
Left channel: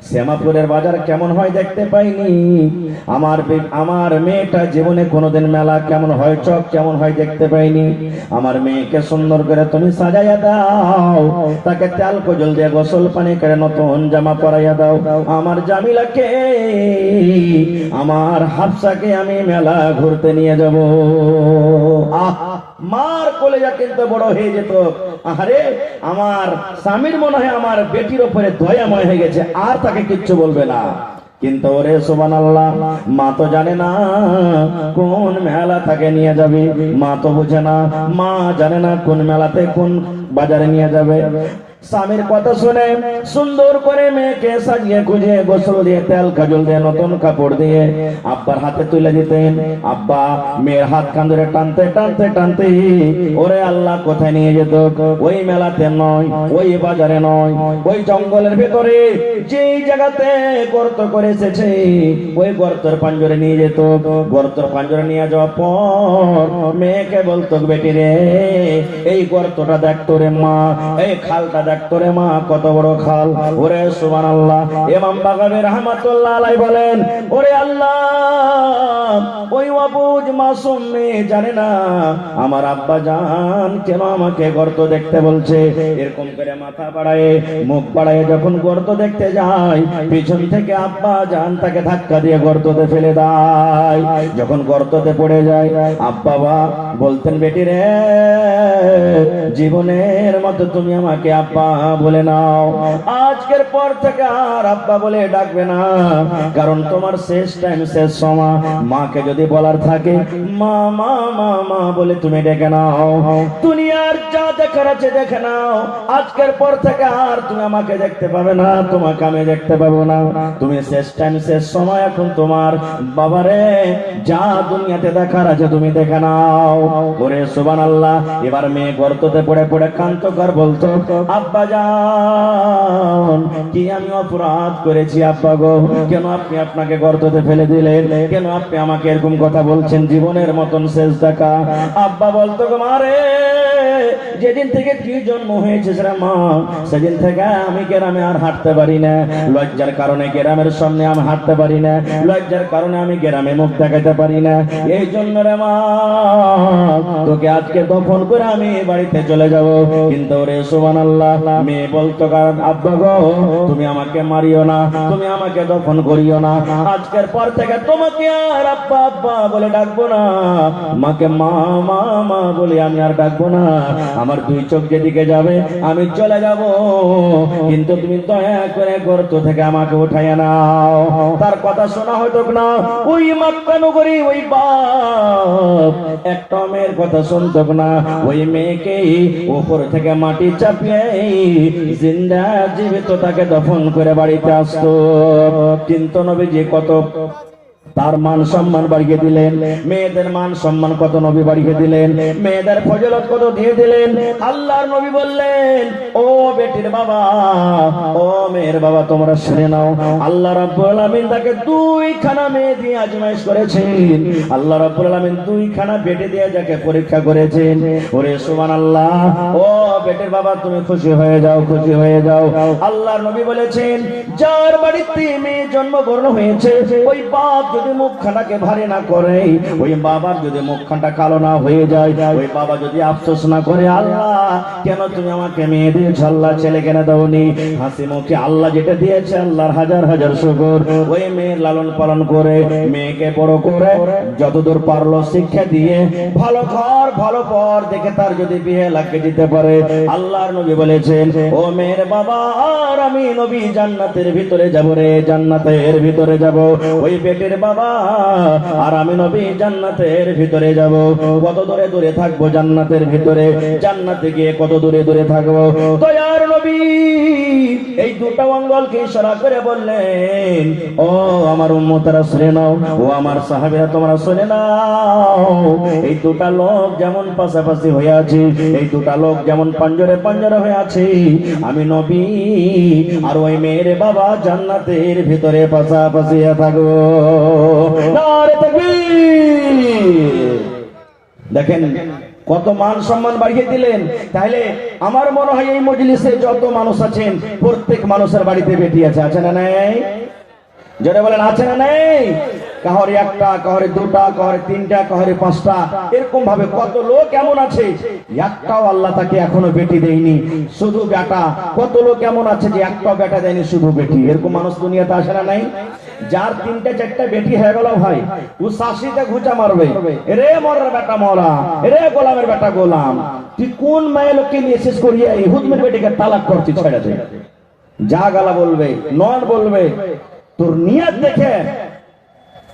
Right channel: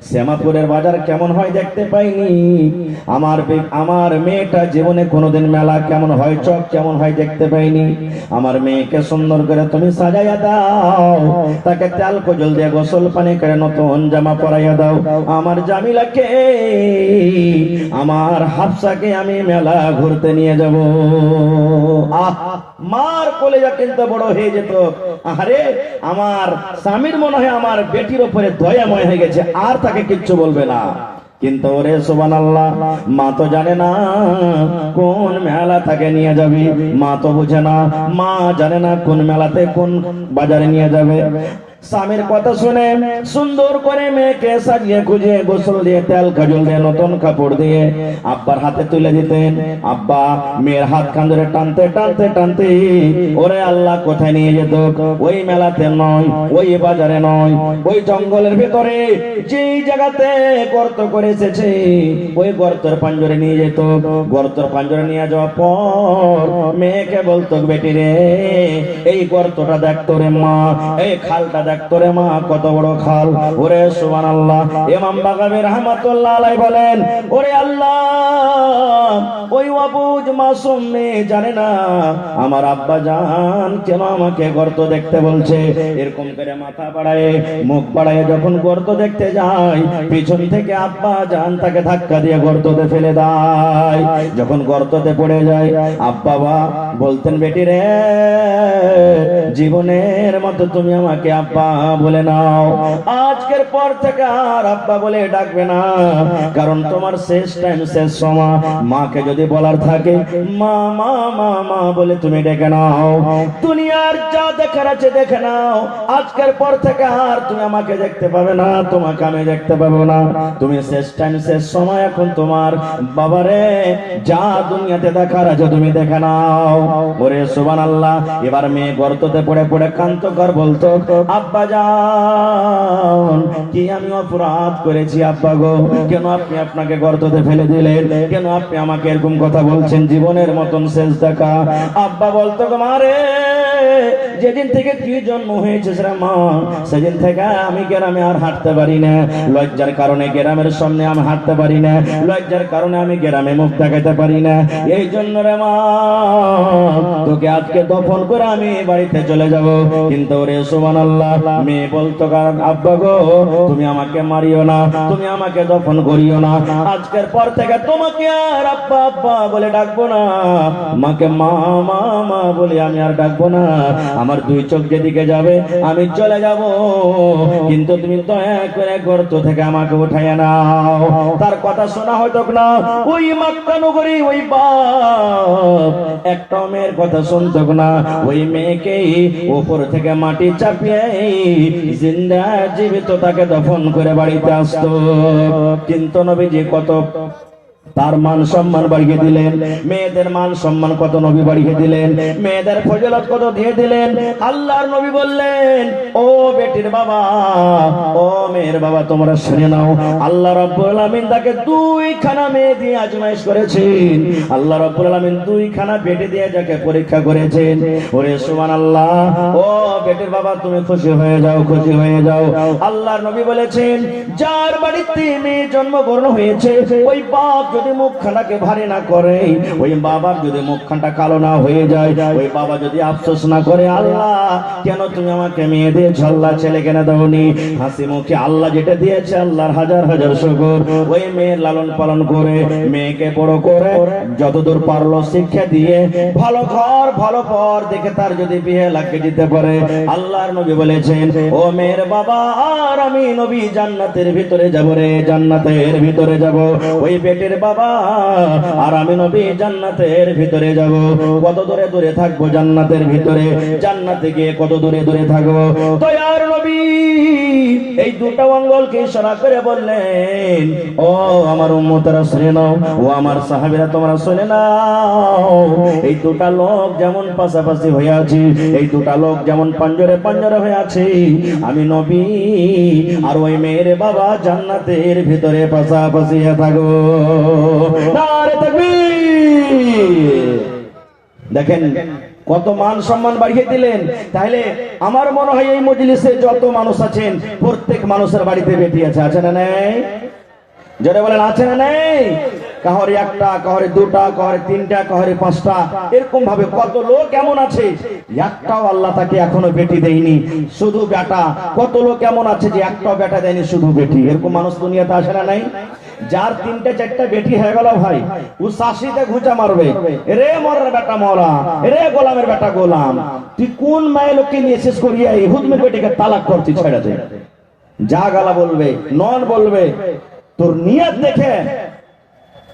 শ্যামাপুরের বাজার কেমন হয় দেখতে পাইনি। আমার মেয়েটা জীবনে কোনোদিন মেলা কেমন হয়, চক কেমন হয় দেখতে পাইনি। আমার মেয়েকে সুন্দর করে তুমি সাজাইয়া দাও, তাকে তেল কজল দিয়ে গোসল পানি করে নতুন জামা পরাইয়া দাও। আমার জামিলাকে, আমার হাফসাকে আমি মেলা ঘুরতে নিয়ে যাব। মার কলেজা কিন্তু বড় হয়ে যেত, আরে আমার স্বামীর মনে হয় আমার বেটির উপরে দয়াময় হয়ে গেছে, আর তাকে কিচ্ছু বলবে না। কিন্তু ওরে সুবহানাল্লাহ, মা তো জানে না কোন মেলা তাকে নিয়ে যাবে, মা তো বুঝে না, মা জানে না কোন মেলাতে কোন বাজারে নিয়ে যাবে। স্বামীর কথা শুনে সুন্দর করে মেয়েকে সাজিয়ে গুজিয়ে গোসল দিয়ে তেল কাজল দিয়ে নতুন কাপড় দিয়ে আব্বার হাতে তুলে দিতেন। আব্বা মেয়ের হাত খান ধরে টানতে টানতে টানতে ওরে আল্লাহ কোথায় নিয়ে যেত? ওই মেলাতে নয়, ওই বাজারে নয়, ওই জঙ্গলের ভেতরে যেই জায়গাতে গর্ত করে এসেছে, ওই গর্তের পাঞ্জরে নিয়ে যেত। গর্তের পাঞ্জরে নিয়ে যাওয়ার পর মেয়েকে বলতো, বেটি রে, এই গর্তটা দেখতো রে মা, এই খালটা দেখতো রে মা, কত বড় খাল। ওরে সুবহানাল্লাহ। ইমাম বাগাবী রাহমাতুল্লাহ আলাইহি বলেন, ওরে আল্লাহ, ওই অবুঝ মাসুম মেয়ে জানে না আমার আব্বা জান কেন আমাকে গর্ত দেখতে বলছে। এরকম করে মাথা বাড়ায়, মুখ বাড়ায় যখন গর্ত দেখতে যায়, পিছন থেকে আব্বা জান তাকে ধাক্কা দিয়ে গর্ততে ফেলে দেয়। যখন গর্ততে পড়ে যায়, আব্বা বলতেন, বেটি রে, জীবনের মতো তুমি আমাকে আব্বা বলে নাও, আজকের পর থেকে আর আব্বা বলে ডাকবে না, কারণ তোমার শেষ টাইম, শেষ সময়। মাকে যদি বলার থাকে মা মা মা মা বলে তুমি ডেকে নাও, দুনিয়ার যা দেখার আছে দেখে নাও, আজকের পর থেকে আর তুমি আমাকে দেখতে পাবে না, তোমাকে আমি দেখতে পাবো না, তুমি শেষ টাইম, শেষ সময়, এখন তোমার বাবারে যা দুনিয়াতে দেখার আছে তুমি দেখে নাও। ওরে সুবহানাল্লাহ। এবার মেয়ে গর্ততে পড়ে পড়ে কান্তকর বলতো, আব্বা জান, কি আমি অপরাধ করেছি আব্বা গো, কেন আপনি আপনাকে গর্ততে ফেলে দিলেন, কেন আপনি আমাকে এরকম কথা বলছেন, জীবনের মতন শেষ দেখা। আব্বা বলতো, গো মারে, যেদিন থেকে তুই জন্ম হয়েছিস রে মা, সেদিন থেকে আমি গ্রামে আর হাঁটতে পারি না। লজ্জার কারণে গ্রামের সামনে আমি হাঁটতে পারি না, লজ্জার কারণে আমি গ্রামে মুখ দেখাতে পারি না। এই জন্য রে মা, তোকে আজকে দফন করে আমি বাড়িতে চলে যাব। কিন্তু রে সুবহানাল্লাহ, মেয়ে বলতো কারণ আব্বা গো, তুমি আমাকে মারিও না, তুমি আমাকে দফন করিও না। আজকের পর থেকে তোমাকে আর আব্বা আব্বা বলে ডাকবো না, মাকে মা মা মা বলে আমি আর ডাকবো না। আমার দুই চোখ যেদিকে যাবে আমি চলে যাব, কিন্তু তুমি দয়া করে গর্ত থেকে আমাকে উঠাইয়া নাও। তার কথা শোনা হতো না। ওই মক্কা নগরী ওই বাপ একটা মেয়ের কথা শুনতো না, ওই মেয়েকে উপর থেকে মাটি চাপিয়ে জিন্দা জীবিত তাকে দফন করে বাড়িতে আসতো। কিন্তু নবীজি কত তার মান সম্মান বাড়িয়ে দিলেন, মেয়েদের মান সম্মান কত নবী বাড়িয়ে দিলেন, মেয়েদের ফজিলত কত দিয়ে দিলেন। আল্লাহর নবী বললেন, ও বেটির বাবা, ও মেয়ের বাবা, তোমরা শুনে নাও, আল্লাহ রাব্বুল আলামিন তাকে দুইখানা মেয়ে দিয়ে আজমাইশ করেছেন। আল্লাহ রাব্বুল আলামিন দুইখানা বেটি দিয়ে যাকে পরীক্ষা করেছেন। ওরে সুবহানাল্লাহ, ও বেটির বাবা, তুমি খুশি হয়ে যাও, খুশি হয়ে যাও। আল্লাহর নবী বলেছেন, যার বাড়িতে মেয়ে জন্মগ্রহণ হয়েছে, ওই বাপ যদি মুখখানাকে ভারী না করে, ওই বাবার যদি মুখখানটা কালো না হয়ে যায়, ওই বাবা যদি আফসোস না করে, আল্লাহ কেন তুমি আমাকে মেয়ে দিয়েছ, আল্লাহ ছেলে কেন দাওনি, হাসি মুখে আল্লাহ যেটা দিয়েছে আল্লাহর হাজার হাজার শুকর। ওই মেয়ের লালন পালন করে মেয়েকে বড় করে যতদূর পারলো শিক্ষা দিয়ে ভালো ঘর ভালো পর দেখে তার যদি বিয়ে লাগিয়ে দিতে পারে, আল্লাহর নবী বলেছেন, ও মেয়ের বাবা, আর আমি নবী জান্নাতের ভিতরে যাব রে, জান্নাতের ভিতরে যাব। ওই বেটের বাবা আর আমি নবী জান্নাতের ভিতরে যাব। কত দূরে দূরে থাকবো জান্নাতের ভিতরে, জান্নাতে গিয়ে কত দূরে দূরে থাকবো। দয়ার নবী এই দুটো অঙ্গলকে ইশারা করে বললেন, ও আমার উম্মতেরা শুনে নাও, ও আমার সাহাবীরা তোমরা শুনে নাও, এই দুটা লোক যেমন পাশাপাশি হয়ে আছে, এই দুটা লোক যেমন পাঞ্জরে পাঞ্জরে হয়ে আছে, আমি নবী আর ওই মেয়ের বাবা জান্নাতের ভিতরে পাশাপাশি থাকবো। নারে তাকবীর! দেখেন কত মান সম্মান বাড়িয়ে দিলেন। তাইলে আমার মনে হয় এই মজলিসে যত মানুষ আছেন, প্রত্যেক মানুষের বাড়িতে বেটি আছে, আছে না নেই? জোরে বলেন, আছে না নেই? কাহরে একটা, কাহরে দুটা, কাহরে তিনটা, কাহরে পাঁচটা, এরকম ভাবে কত লোক এমন আছে একটাও আল্লাহ তাকে এখনো বেটি দেয়নি, শুধু বেটা। কত লোক এমন আছে যে একটাও বেটা দেয়নি, শুধু বেটি। এরকম মানুষ দুনিয়াতে আসে না নাই? যার তিনটা চারটা বেটি হয়ে গেল ভাই, ও শাশিতে ঘুচা মারবে, রে মরার বেটা মরা, রে গোলামের বেটা গোলাম, তুই কোন মায়ের লোককে নিয়ে শেষ করিয়া এই হুদমের বেটিকে তালাক করতে ছেড়ে দে। যা গালা বলবে, নন বলবে, তোর নিয়ত দেখে,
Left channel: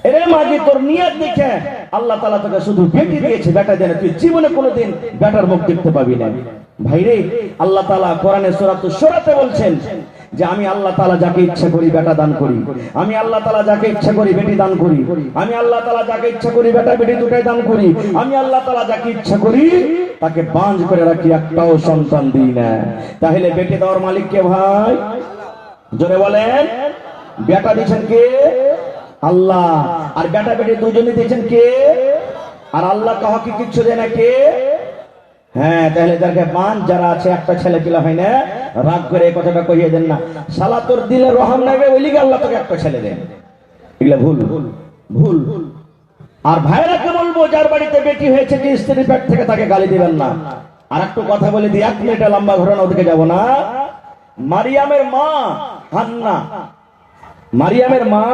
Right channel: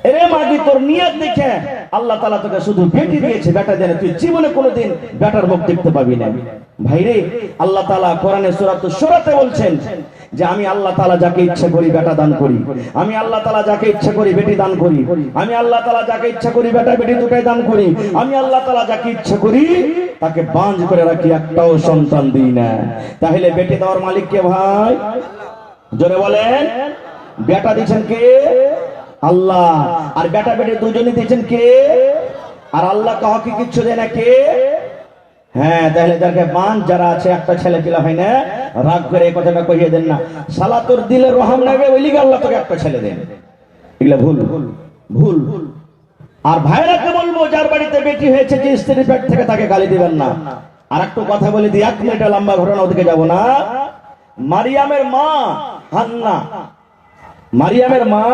এরে মাঝি তোর নিয়ত দেখে আল্লাহ তাআলা তোকে শুধু বেটি দিয়েছে, বেটা দেন, তুই জীবনে কোনোদিন বেটার মুখ দেখতে পাবি না। ভাইরে, আল্লাহ তাআলা কোরআনে সূরাতুশ শূরাতে বলছেন যে আমি আল্লাহ তাআলা যাকে ইচ্ছা করি বেটা দান করি, আমি আল্লাহ তাআলা যাকে ইচ্ছা করি বেটি দান করি, আমি আল্লাহ তাআলা যাকে ইচ্ছা করি বেটা বেটি দুটাই দান করি, আমি আল্লাহ তাআলা যাকে ইচ্ছা করি তাকে বাঁধ করে রাখি, একটাও সন্তান দিই না। তাহলে বেটি দেওয়ার মালিক কে ভাই? জোরে বলেন। বেটা দিয়েছেন কে? আল্লাহ। আর বেটা বেটি দুজনে দিয়েছেন কে? আর আল্লাহ কাউকে কিচ্ছু দেয় না কে? হ্যাঁ, তাহলে যাকে মান যারা আছে, একটা ছেলে পিলা হয় না, রাগ করে এই কথাটা কহিয়ে দেন না, শালা তোর দিলে রহম লাগে ওই লিগে আল্লাহ তোকে একটা ছেলে দেন, এগুলা ভুল ভুল। আর ভাইরাকে বলবো, যার বাড়িতে বেটি হয়েছে, যে স্ত্রী পেট থেকে তাকে গালি দিবেন না। আর একটু কথা বলে দিই, 1 মিনিটে লম্বা ঘটনা, ওদিকে যাবো না। মারিয়ামের মা হান্না, মারিয়ামের মা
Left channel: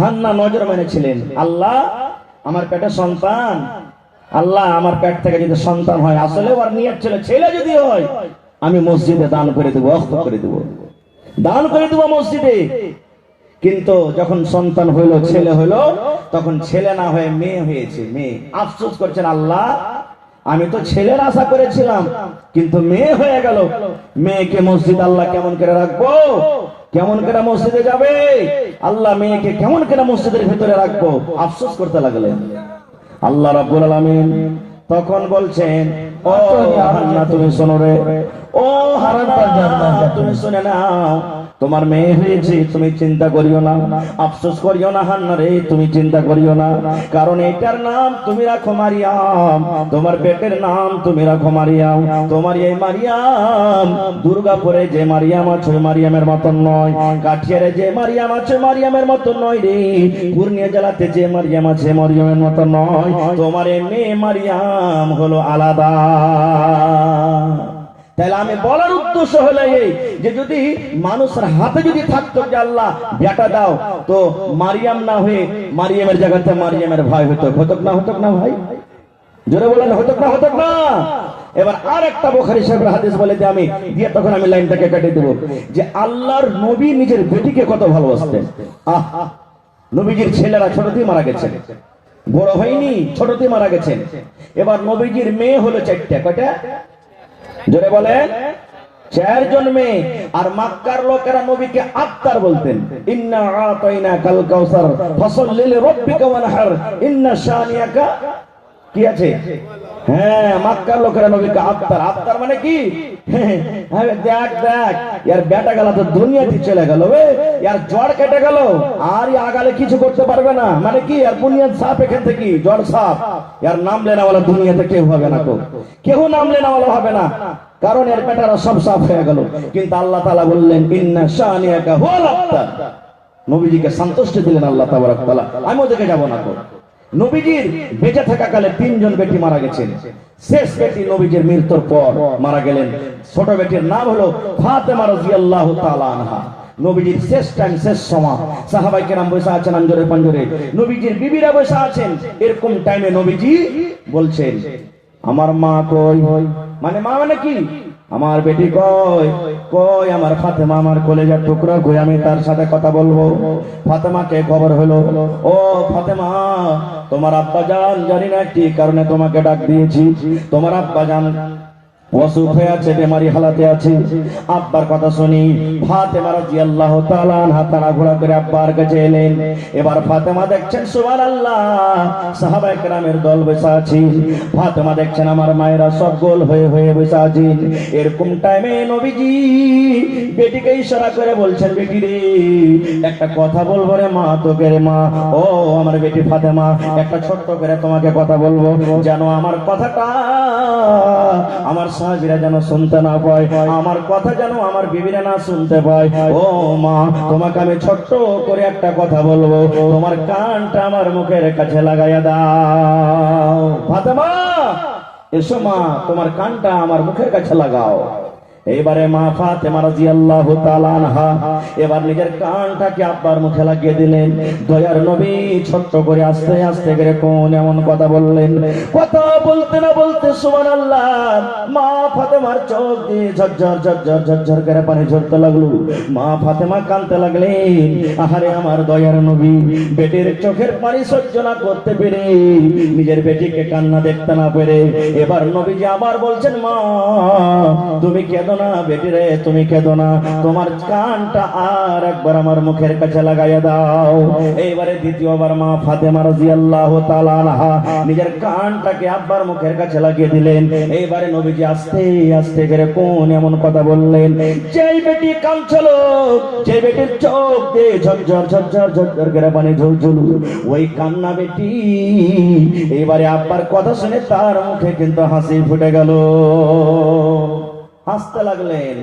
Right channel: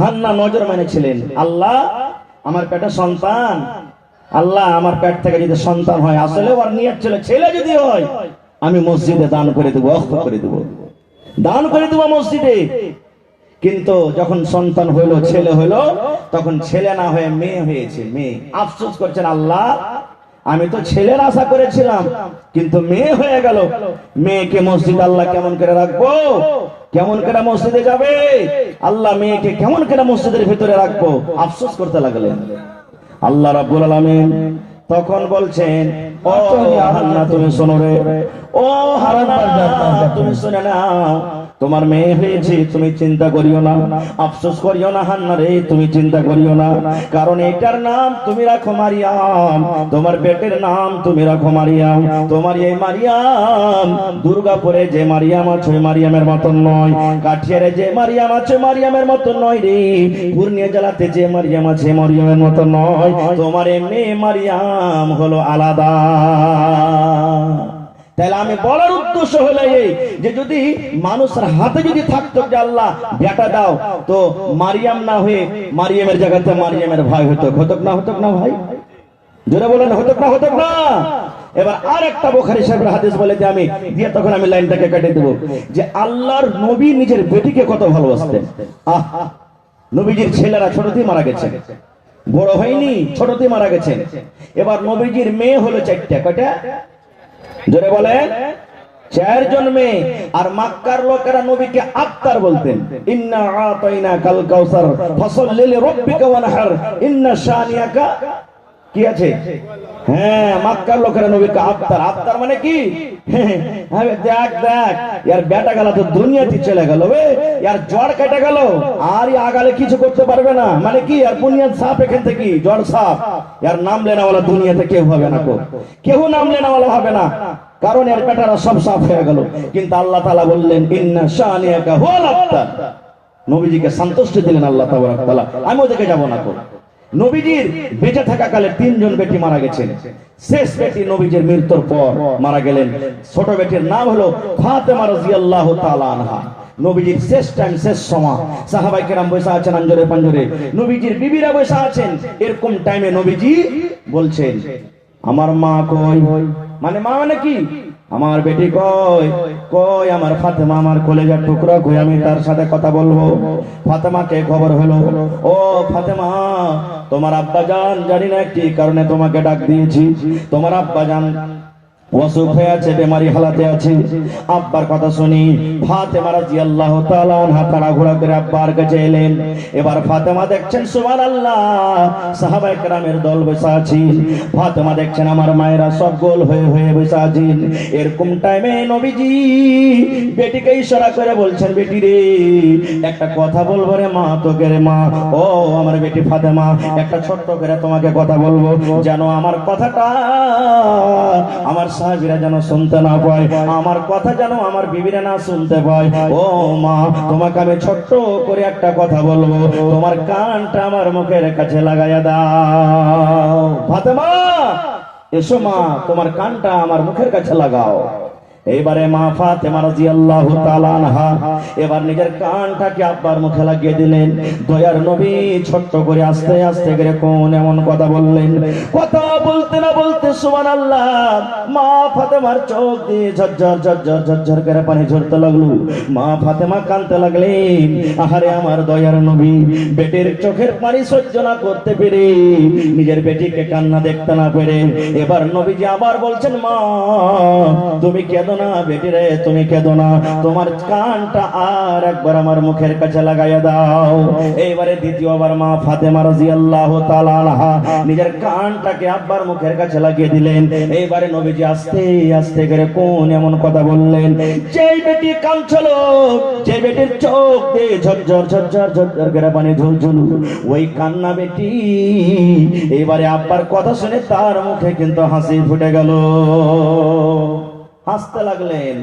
হান্না নজর মেনেছিলেন, আল্লাহ আমার পেটে সন্তান, আল্লাহ আমার পেট থেকে যদি সন্তান হয়, আসলে ওর নিয়ত ছিল ছেলে যদি হয় আমি মসজিদে দান করে দেবো, ওয়াকফ করে দেবো, দান করে দেবো মসজিদে। কিন্তু যখন সন্তান হলো, ছেলে হলো, তখন ছেলে না হয়ে মেয়ে হয়েছে। মেয়ে আফসোস করছেন, আল্লাহ আমি তো ছেলের আশা করেছিলাম, কিন্তু মেয়ে হয়ে গেল। মেয়েকে মসজিদ আল্লাহ কেমন করে রাখবো, কেমন করে মসজিদে যাবে, আল্লাহ মেয়েকে কেমন করে মসজিদের ভিতরে রাখবো, আফসোস করতে লাগলেন। আল্লাহ রাব্বুল আলামিন তখন বলছেন, ও হান্না তুমি শোনো রে, ও হান্না তুমি শুনে নাও, তোমার মেয়ে হয়েছে, তুমি চিন্তা করিও না, আফসোস করিও না হান্না রে, তুমি চিন্তা করিও না, কারণ এটার নাম তুমি রাখো মারিয়াম, তোমার পেটের নাম তুমি রাখো মারিয়াম। তোমার এই মারিয়াম দুর্গাপুরে যে মারিয়াম আছে মারিয়ামের মতন নয়, কাঠিয়ারে যে মারিয়াম আছে মারিয়ামের মতন নয় রে, পূর্ণিয়া জেলাতে যে মারিয়াম আছে মারিয়ামের মতন নয়। তোমার এই মেয়ে মারিয়াম হলো আলাদা। তাহলে আমি বলার উদ্দেশ্য হলো এই যে যদি মানুষের হাতে যদি থাকতো যে আল্লাহ বেটা দাও, তো মারিয়াম না হয়ে মারিয়ামের জায়গাতে মারিয়ামের ভাই হতো, হতক না ভাই? জোরে বলেন, হতক না? এবার আর একটা বুখারী সাহেবের হাদিস বলে যে আমি দিয়ে তখন আমি লাইনটাকে কেটে দেব, যে আল্লাহর নবী নিজের বেটিকে কত ভালোবাসতেন। নবীজির ছেলেরা ছোটতেই মারা গেছে, বড় হয়নি, ছোটতেই মারা গেছেন। এবার নবীজির মেয়ে হলো 4টা, কয়টা? জোরে বলে, 4 জন মেয়ে। আর মক্কার লোকেরা নবীকে আত্তার বলতেন, ইন্না আতাইনা কাল কাউসার ফাসাল্লি লিরাব্বিকা ওয়ানহার ইন্না শানিয়াকা, কি আছে? হ্যাঁ, মক্কার লোকেরা নবীকে আত্তার। আত্তার মানে কি? দেখ ইয়ার বেটা গেল তো দুনিয়াতে চলে গেল, ইয়ার জ্বর কেটে গেল, আর আগালে কিছু করতে পারবে না, মানে কি? আর বুনিয়াদ সাফ, এখান থেকে জ্বর সাফ, ইয়ার নাম লেনাওয়ালা দুনিয়াতে কেউ হবে না, কেউ নাম লেনাওয়ালা হবে না, কারণ এর বেটারা সব সাফ হয়ে গেল। কিন্তু আল্লাহ তাআলা বললেন ইন্না শানিয়াকা হুয়াল আবতার, নবীজিকে সন্তুষ্টি দিলেন আল্লাহ তাবারক তাআলা। আমি ওদিকে যাব না। নবীজির বেঁচে থাকাকালে 3 জন বেটি মারা গেছেন। শেষ বেটি নবীজির মৃত্যুর পর মারা গেলেন। ছোট বেটির নাম হলো ফাতেমা রাদিয়াল্লাহু তাআলা আনহা। নবীজির শেষ টাইম, শেষ সময় সাহাবায়ে কেরাম বসে আছেন আঞ্জরে পাঞ্জরে, নবীজির বিবিরা বসে আছেন। এরকম টাইমে নবীজি বলছেন, আমার মা কই? মানে মা মানে কি? আমার বেটি কই? কই আমার ফাতেমা, আমার কলেজার টুকরা কই? আমি তার সাথে কথা বলবো। ফাতেমাকে খবর হলো, ও ফাতেমা, তোমার আব্বা জান জানি না কি কারণে তোমাকে ডাক দিয়েছি, তোমার আব্বা জান অসুখ হয়ে আছে, বেমারি হালাতে আছে। আব্বার কথা শুনি ফাতেমা রাদিয়াল্লাহু তাআলা আনহা তাড়াহুড়া করে আব্বার কাছে এলেন। এবার ফাতেমা দেখছেন সুবহানাল্লাহ, সাহাবায়ে কেরামের দল বসে আছে। ফাতেমা দেখছেন আমার মায়েরা সব গোল হয়ে বসে আছেন। এরকম টাইমে নবীজি বেটিকে ইশারা করে বলছেন, বেটি রে, একটা কথা বলবো রে মা, তোকে রে মা, ও আমার বেটি ফাতেমা, একটা ছোট্ট করে তোমাকে কথা বলবো, যেন আমার কথাটা আমার সাহাবীরা যেন শুনতে না পায়, আমার কথা যেন আমার বিবিরা না শুনতে পায়। ও মা, তোমাকে আমি ছোট্ট করে একটা কথা বলবো, তোমার কানটা আমার মুখের কাছে লাগাইয়া দাও। ফাতেমা, এসো মা, তোমার কানটা আমার মুখের কাছে লাগাও। এবারে মা ফাতেমা রাদিয়াল্লাহু তাআলা আনহা এবার নিজের কানটাকে আব্বার মুখে লাগিয়ে দিলেন। দয়ার নবী ছোট্ট করে আস্তে আস্তে করে কোন এমন কথা বললেন, কথা বলতে না বলতে সুবহানাল্লাহ, মা ফাতেমার চোখ দিয়ে ঝরঝর করে পানি ঝরতে লাগলো। মা ফাতেমা কাঁদতে লাগলেন, আহারে আমার দয়ার নবী, বেটির চোখের পানি সহ্য না করতে পেরে, নিজের বেটিকে কান্না দেখতে না পেরে এবার নবীজি আবার বলছেন, মা তুমি কেঁদো না বেটি রে, তুমি কেঁদো না, তোমার কানটা আর একবার আমার মুখের কাছে লাগাইয়া দাও। এইবারে দ্বিতীয়বার মা ফাতেমা রাদিয়াল্লাহু তাআলা আনহা নিজের কানটাকে আব্বার মুখের কাছে লাগিয়ে দিলেন। এইবারে নবীজি আস্তে আস্তে করে কোন এমন কথা বললেন, যেই বেটি কাঁদছিল, যে বেটির চোখ দিয়ে ঝরঝর করে পানি ঝরঝর, ওই কান্না বেটি এইবারে আব্বার কথা শুনে তার মুখে কিন্তু হাসি ফুটে গেল, হাসতে লাগলেন।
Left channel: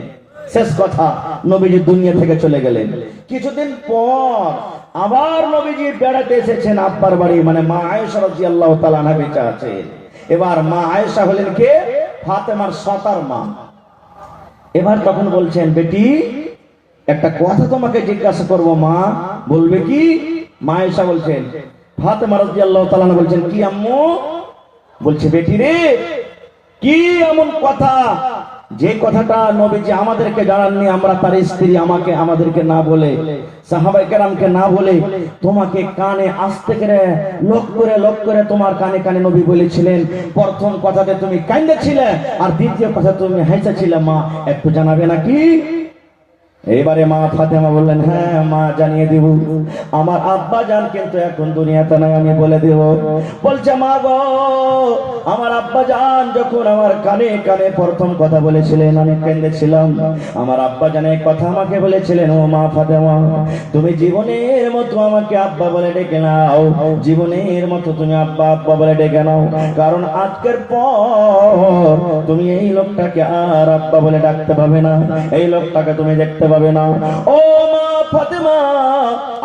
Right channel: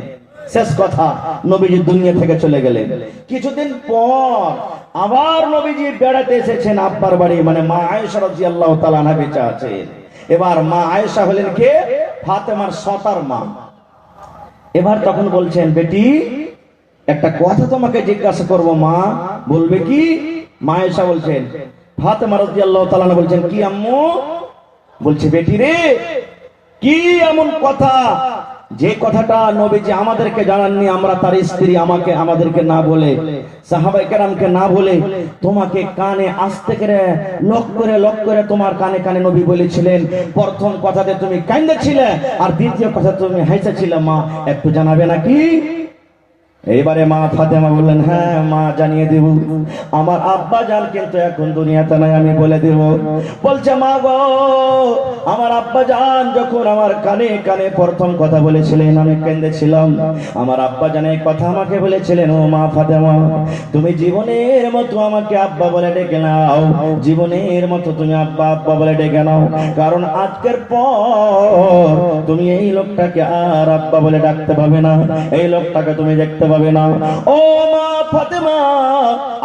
শেষ কথা, নবীজি দুনিয়া থেকে চলে গেলেন। কিছুদিন পর আবার নবীজি বেড়াতে এসেছেন আব্বার বাড়ি, মানে মা আয়েশা রাদিয়াল্লাহু তাআলা আনহা বেঁচে আছেন। এবার মা আয়েশা হলেন কে? ফাতেমার সতার মা। এবার তখন বলছেন, বেটি একটা কথা তোমাকে জিজ্ঞাসা করবো মা, বলবে কি? মা আয়েশা বলছেন, ফাতেমা রাদিয়াল্লাহু তাআলা বলছেন, কি আম্মু? বলছে, বেটি রে, কি এমন কথা যে কথাটা নবীজি আমাদেরকে জানাননি, আমরা তার স্ত্রী, আমাদেরকে না বলে, সাহাবায়ে কেরামকে না বলে, তোমাকে কানে আস্তে করে লক করে তোমার কানে কানে নবী বলেছিলেন। প্রথম কথাতে তুমি কাঁদেছিলে, আর দ্বিতীয় কথা তুমি হাসছিলে, মা একটু জানাবে নাকি? এবারে মা ফাতেমা বললেন, হ্যাঁ মা জানিয়ে দিব, আমার আব্বা জান কিন্তু এখন দুনিয়াতে নাই, আমি বলে দিব। বলছে, মা গো, আমার আব্বা জান যখন আমার কানে কানে প্রথম কথা বলেছিলেন আমি কেঁদেছিলাম। আমার আব্বা জান এই কথা আমাকে বলেছিলেন, ও মা ফাতেমা তুমি জীবনের মতো আমাকে আব্বা বলে ডেকে নাও, জীবনের মতো তুমি আব্বা আব্বা বলে ডেকে নাও, কারণ আজকের পর তুমি এই লোকটাকে আর আব্বা বলে ডাকতে পাবে না, এই লোকটাকে তুমি দেখতে পাবে না। ও মা ফাতেমা,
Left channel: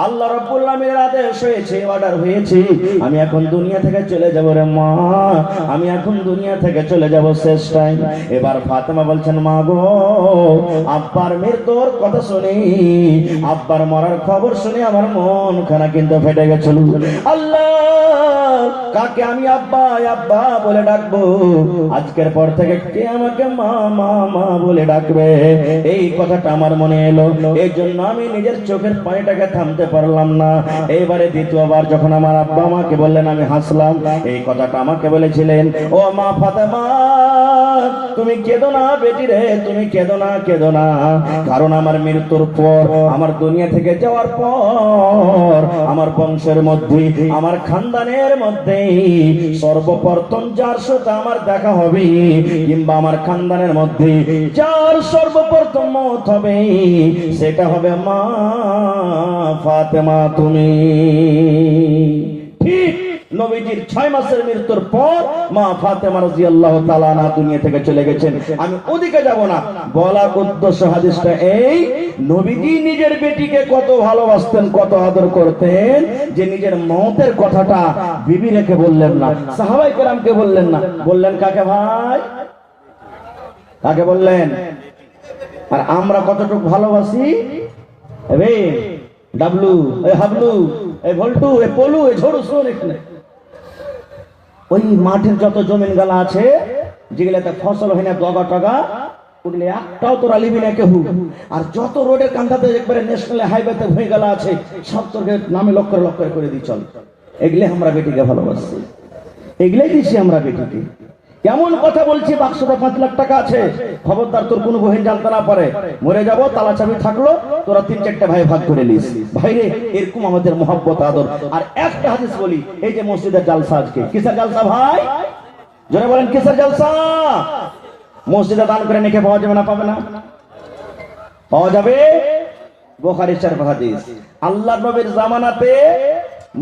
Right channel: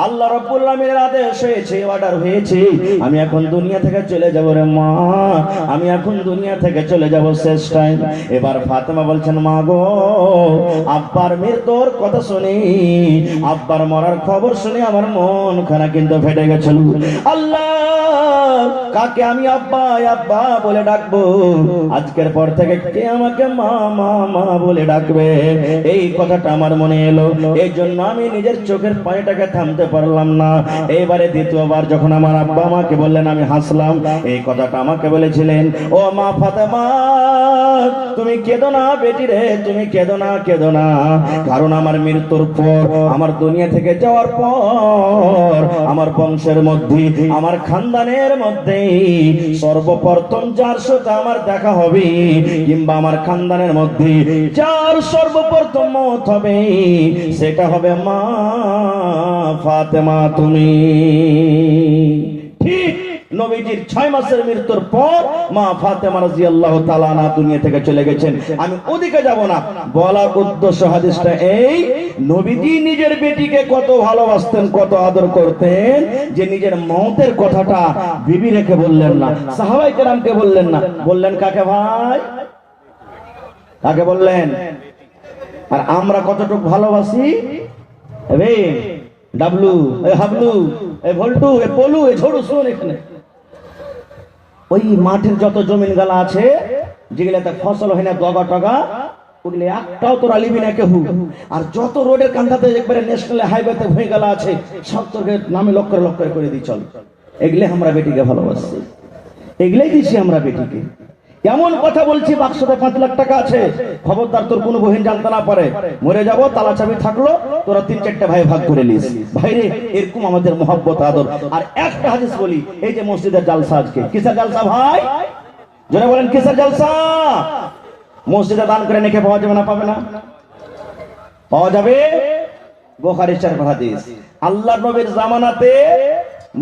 আল্লাহ রাব্বুল আলামিনের আদেশ হয়েছে, অর্ডার হয়েছে, আমি এখন দুনিয়া থেকে চলে যাব রে মা, আমি এখন দুনিয়া থেকে চলে যাব শেষ টাইম। এবার ফাতেমা বলছেন, মা গো আব্বার মৃত্যুর কথা শুনি, আব্বার মরার খবর শুনে আমার মন খানা কিন্তু ফেটে গেছিল। আল্লাহ কাকে আমি আব্বা আব্বা বলে ডাকবো? আজকের পর থেকে কে আমাকে মা মা মা বলে ডাকবে? এই কথাটা আমার মনে এলো, এই জন্য আমি নিজের চোখের পানিটাকে থামতে পারলাম না। এবারে দ্বিতীয়বার যখন আমার আব্বা আমাকে বললেন আমি হাসলাম। এই কথাটা আমাকে বলেছিলেন, ও মা ফাতেমা তুমি কেঁদো না বেটি রে, তুমি কেঁদো না, কেঁদো না, কারণ আমার মৃত্যুর পর, আমার দুনিয়া থেকে যাওয়ার পর আমার বংশের মধ্যে, আমার খানদানের মধ্যে সর্বপ্রথম যার সাথে আমার দেখা হবে, কিংবা আমার খানদানের মধ্যে যার সর্বপ্রথম মত হবে, সেটা হবে মা ফাতেমা তুমি। ঠিক নবীজির 6 মাসের মৃত্যুর পর মা ফাতেমা রাদিয়াল্লাহু তাআলা আনহা দুনিয়া থেকে চলে গেছেন। আমি ওদিকে যাব না, বলা উদ্দেশ্য হাদিসটা এই, নবীজি নিজের বেটিকে কত ভালোবাসতেন, কত আদর করতেন, যে নিজের মওতের কথাটা বিবি রেখে বললেন না, সাহাবায়ে কেরামকে বললেন না, বললেন কাকে ভাই? কাকে বললেন? আর আমরা কতটুকু ভালোবাসি রে ডাবলু, এ হাবলু, এ ভল্টু, এ পলু, এ ঝড়ু, শোন এখানে ওই মাঠের যত জমিন গালা আছে যেগুলাতে ফসল হয় না, ডগা টগা, ওগুলো একটাও তোরা লিবি না কেউ। আর যত রোডের কান্দাতে একবারে ন্যাশনাল হাইওয়েতে হয়ে গেল আছে, সব তোর নামে লক্ষ লক্ষ করে দিই চল। এগুলো আমরা বেটিকে ভালোবাসি, এগুলাই দিছি আমরা বেটিকে। এমন কথা বলছি, বাক্সতে 5 লাখ টাকা আছে, খবরদার তোর কোনো বহিন জানতে না পারে, মরে যাব তালা চাবি থাকলো, তোরা 3-4টা ভাই ভাগ করে নিস। ভাইরে এরকম আমাদের মহব্বত আদর। আর একটা হাদিস বলি, এই যে মসজিদের জালসা আজকে, কিসের জালসা ভাই? জোরে বলেন কিসের জালসা? মসজিদে দান করে নেকে পাওয়া যাবে না? পাবে না? পাওয়া যাবে। বুখারী শরীফ হাদিস, আল্লাহর নবীর জামানাতে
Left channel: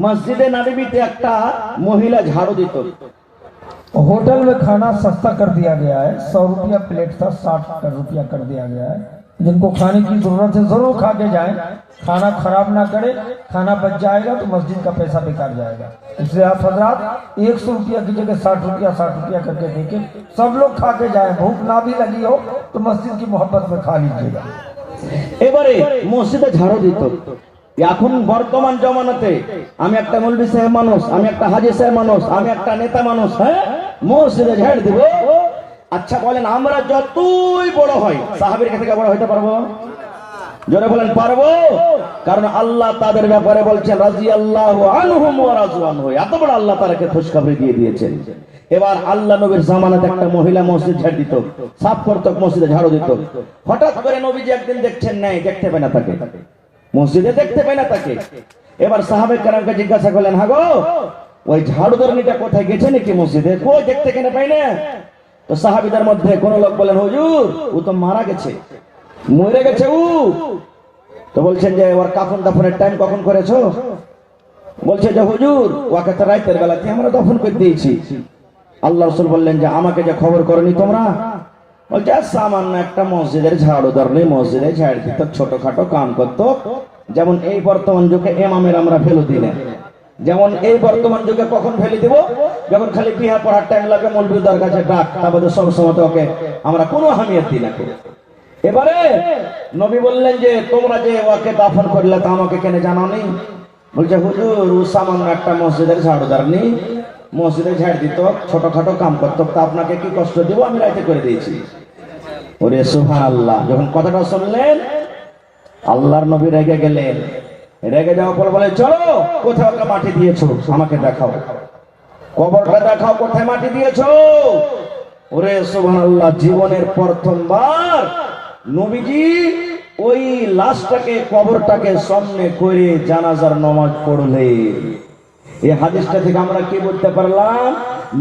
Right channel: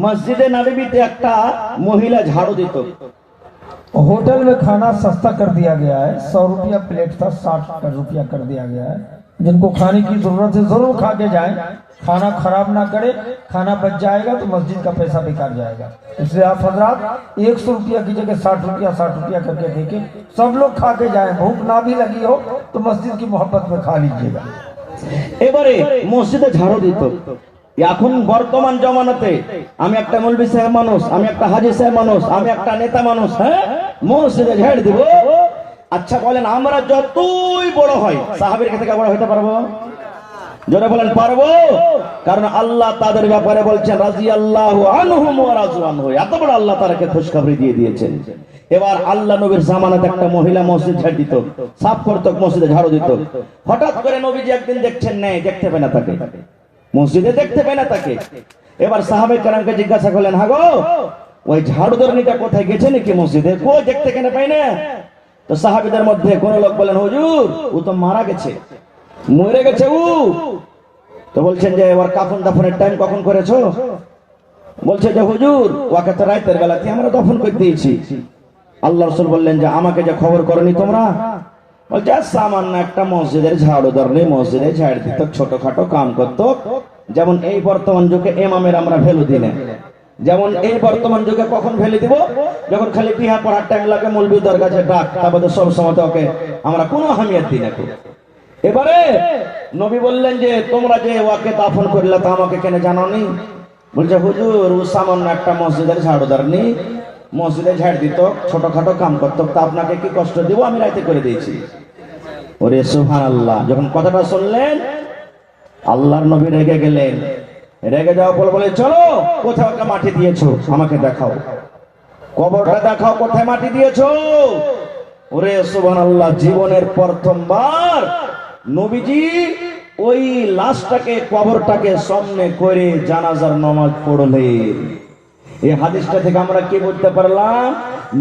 মসজিদে নববীতে একটা মহিলা ঝাড়ু দিত। होटल में खाना सस्ता कर दिया गया है, 100 रुपया प्लेट था, 60 रुपया कर दिया गया है। जिनको खाने की जरूरत है जरूर खा के जाए, खाना खराब ना करे, खाना बच जाएगा तो मस्जिद का पैसा बेकार जाएगा। इसलिए आप हजरात 100 रुपया की जगह 60 रुपया करके देके सब लोग खा के जाए, भूख ना भी लगी हो तो मस्जिद की मोहब्बत में खा लीजिएगा। এবারে মসজিদে ঝাড়ু দিত। এখন বর্তমান জমানাতে আমি একটা মৌলভী সাহেব মানুষ, আমি একটা হাজী সাহেব মানুষ, আমি একটা নেতা মানুষ, হ্যাঁ মসজিদে ঝাড়ু দিব। আচ্ছা বলেন, আমরা যতই বড় হয় সাহাবীর কাছে বড় হইতে পারবো? জোরে বলেন পারবো? কারণ আল্লাহ তাদের ব্যাপারে বলছেন রাদিয়াল্লাহু আনহুম ওয়া রাযু আনহু, এত বড় আল্লাহ তাদেরকে খুশখবরি দিয়ে দিয়েছেন। এবার আল্লাহ নবীর জামানাতে একটা মহিলা মসজিদ ঝাড়ু দিত, সাফ করত, মসজিদে ঝাড়ু দিত। হঠাৎ করে নবীজি একদিন দেখছেন নাই, দেখতে পেয়ে না তাকে, মসজিদে দেখতে পেয়ে না তাকে। এবার সাহাবায়ে কেরামকে জিজ্ঞাসা করলেন, হ্যাঁ গো ওই ঝাড়ুদারনিটা কোথায় গেছে নাকি মসজিদে, কই দেখতে কেন পাই না? তো সাহাবীদের মধ্যে কোন লোক বলেন, হুজুর ও তো মারা গেছে, মরে গেছে ও। তো বলছেন যে ওর কাফন দাফনের টাইম কখন করেছো? বলছে যে হুজুর ওকে তো রাতের বেলাতে আমরা দাফন করে দিয়েছি। আল্লাহ রাসূল বললেন যে আমাকে যে খবর করনি তোমরা? বলছে সামান্য একটা মসজিদের ঝাড়ুদার নেই, মসজিদে ঝাড় দিত, ছোটখাটো কাম করতো। যেমন এই বর্তমান যুগে ইমামের আমরা ভ্যালু দিই না, যেমন এই বর্তমান যুগে কখন ভ্যালু দিব? যখন খালি বিহা পড়ার টাইম লাগে, মৌলবীদের কাছে ডাক, তারপরে সব সময় ওকে আমরা কোনো আহমিয়ত দিই না। এবারে নবী বললেন যে তোমরা যে ওকে দাফন করলে তা আমাকে কেন জানাওনি? বলছে হুজুর ও সামান্য একটা মসজিদের ঝাড়ুদার নেই, মসজিদে ঝাড় দিত, ছোটখাটো কাম করতো, তা আপনাকে কি কষ্ট দিব? আমি রাতে করে দিয়েছি। ওরে সুবহানাল্লাহ। যখন কথাটা শুনলেন আল্লাহর নবী রেগে গেলেন। রেগে যাওয়ার পর বলে চলো কোথায় ওকে মাটি দিয়েছো আমাকে দেখাও, কবরটা দেখাও, কোথায় মাটি দিয়েছো। ওরে সুবহানাল্লাহ, জীবনের প্রথমবার নবীজি ওই লাশটাকে, কবরটাকে সামনে করে জানাজার নামাজ পড়লেন। এই হাদিসটা থেকে আমরা কি বুঝতে পারলাম?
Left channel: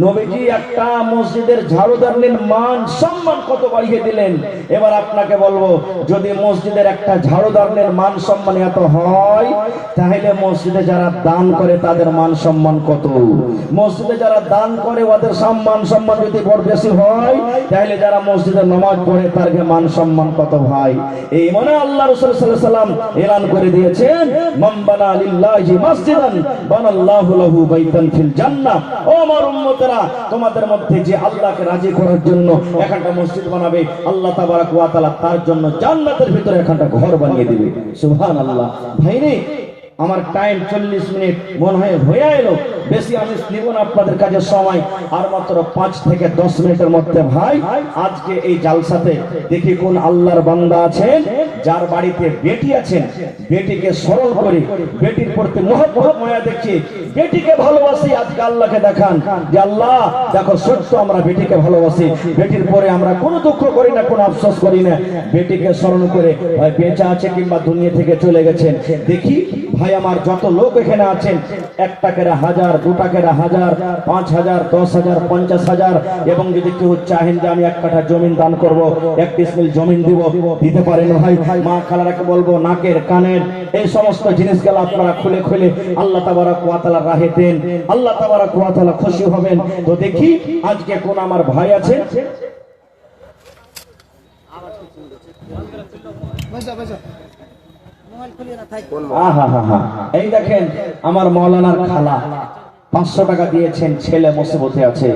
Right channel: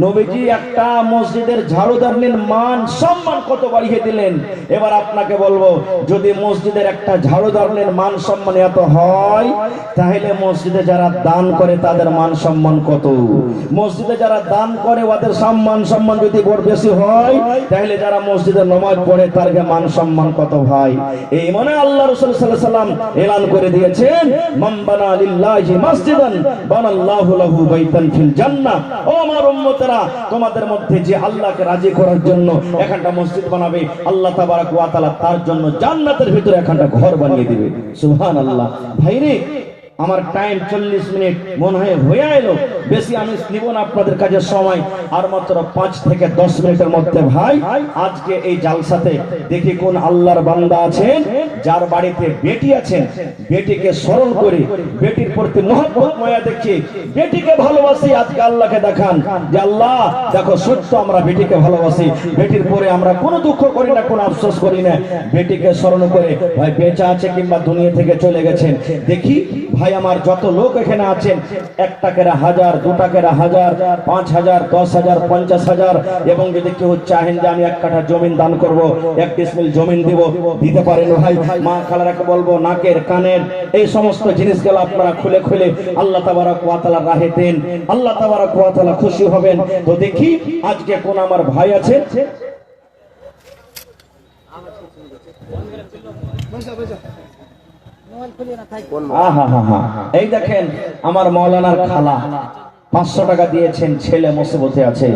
নবীজি একটা মসজিদের ঝাড়ুদারদের মান সম্মান কত বাড়িয়ে দিলেন। এবার আপনাকে বলবো, যদি মসজিদের একটা ঝাড়ুদারদের মান সম্মান এত হয়, তাহলে মসজিদে যারা দান করে তাদের মান সম্মান কত? মসজিদে যারা দান করে ওদের মান সম্মান যদি বড় বেশি হয়, তাহলে যারা মসজিদে নামাজ পড়ে তার মান সম্মান কত ভাই? এই মনে আল্লাহ রাসূল সাল্লাল্লাহু আলাইহি ওয়াসাল্লাম এলান করে দিয়েছেন, মান বানা লিল্লাহি মাসজিদান বানাল্লাহু লাহু বাইতান ফিল জান্নাহ। ও আমার উম্মতেরা, তোমাদের মধ্যে যে আল্লাহকে রাজি করার জন্য একটা মসজিদ বানাবে, আল্লাহ তাবারক ওয়া তাআলা তার জন্য জান্নাতের ভিতরে একটা ঘর বানিয়ে দিবে। সুবহানাল্লাহ। ভাইরে, আমার টাইম 40 মিনিট মনে হয় হয়ে এলো, বেশি আমি নিব না আপনাদের কাছে সময়, আর মাত্র 5 থেকে 10 মিনিটের মধ্যে ভাই আজকে এই জালসাতে দেখি কোন আল্লাহর বান্দা আছেন যার বাড়িতে বেটি আছেন, বেটিকে স্মরণ করি, বেটির প্রতি মহব্বত মায়া দেখি, বেটিকে ভালোবাসি। আজকে আল্লাহকে দেখান যে আল্লাহ দেখো সত্য আমরা বেটিকে ভালোবাসি, বেটির পরে আমরা কোনো দুঃখ করি না, কোনো আফসোস করি না। বেটিকে স্মরণ করে ভাই বেঁচে আছে কিংবা দুনিয়া থেকে চলে গেছেন, দেখি ভাই আমার যত লোক এখানে আছেন, 1 টাকার 1000, 2 টাকার 1000, 5000, 10000, 50000, এবং যদি কেউ চাহেন যে আমি 1 কাঠা জমিন দান করব, 1 ডিসমিল জমিন দিব, দিতে পারেন ভাই। মা খালারাকে বলবো নাকের কানের এই সমস্ত জিনিসগুলো আপনারা খুলে খুলে আল্লাহ তাবারক ওয়া তাআলার রাহে দেন, আল্লাহ তাবারক ওয়া তাআলা খুশি হবেন। তো দেখি আজকে কোন আমার ভাই আছে। এই দেখেন আমার মাওলানার খালা 500 টাকা দিয়েছেন, ছেলে মুসিবতে আছে।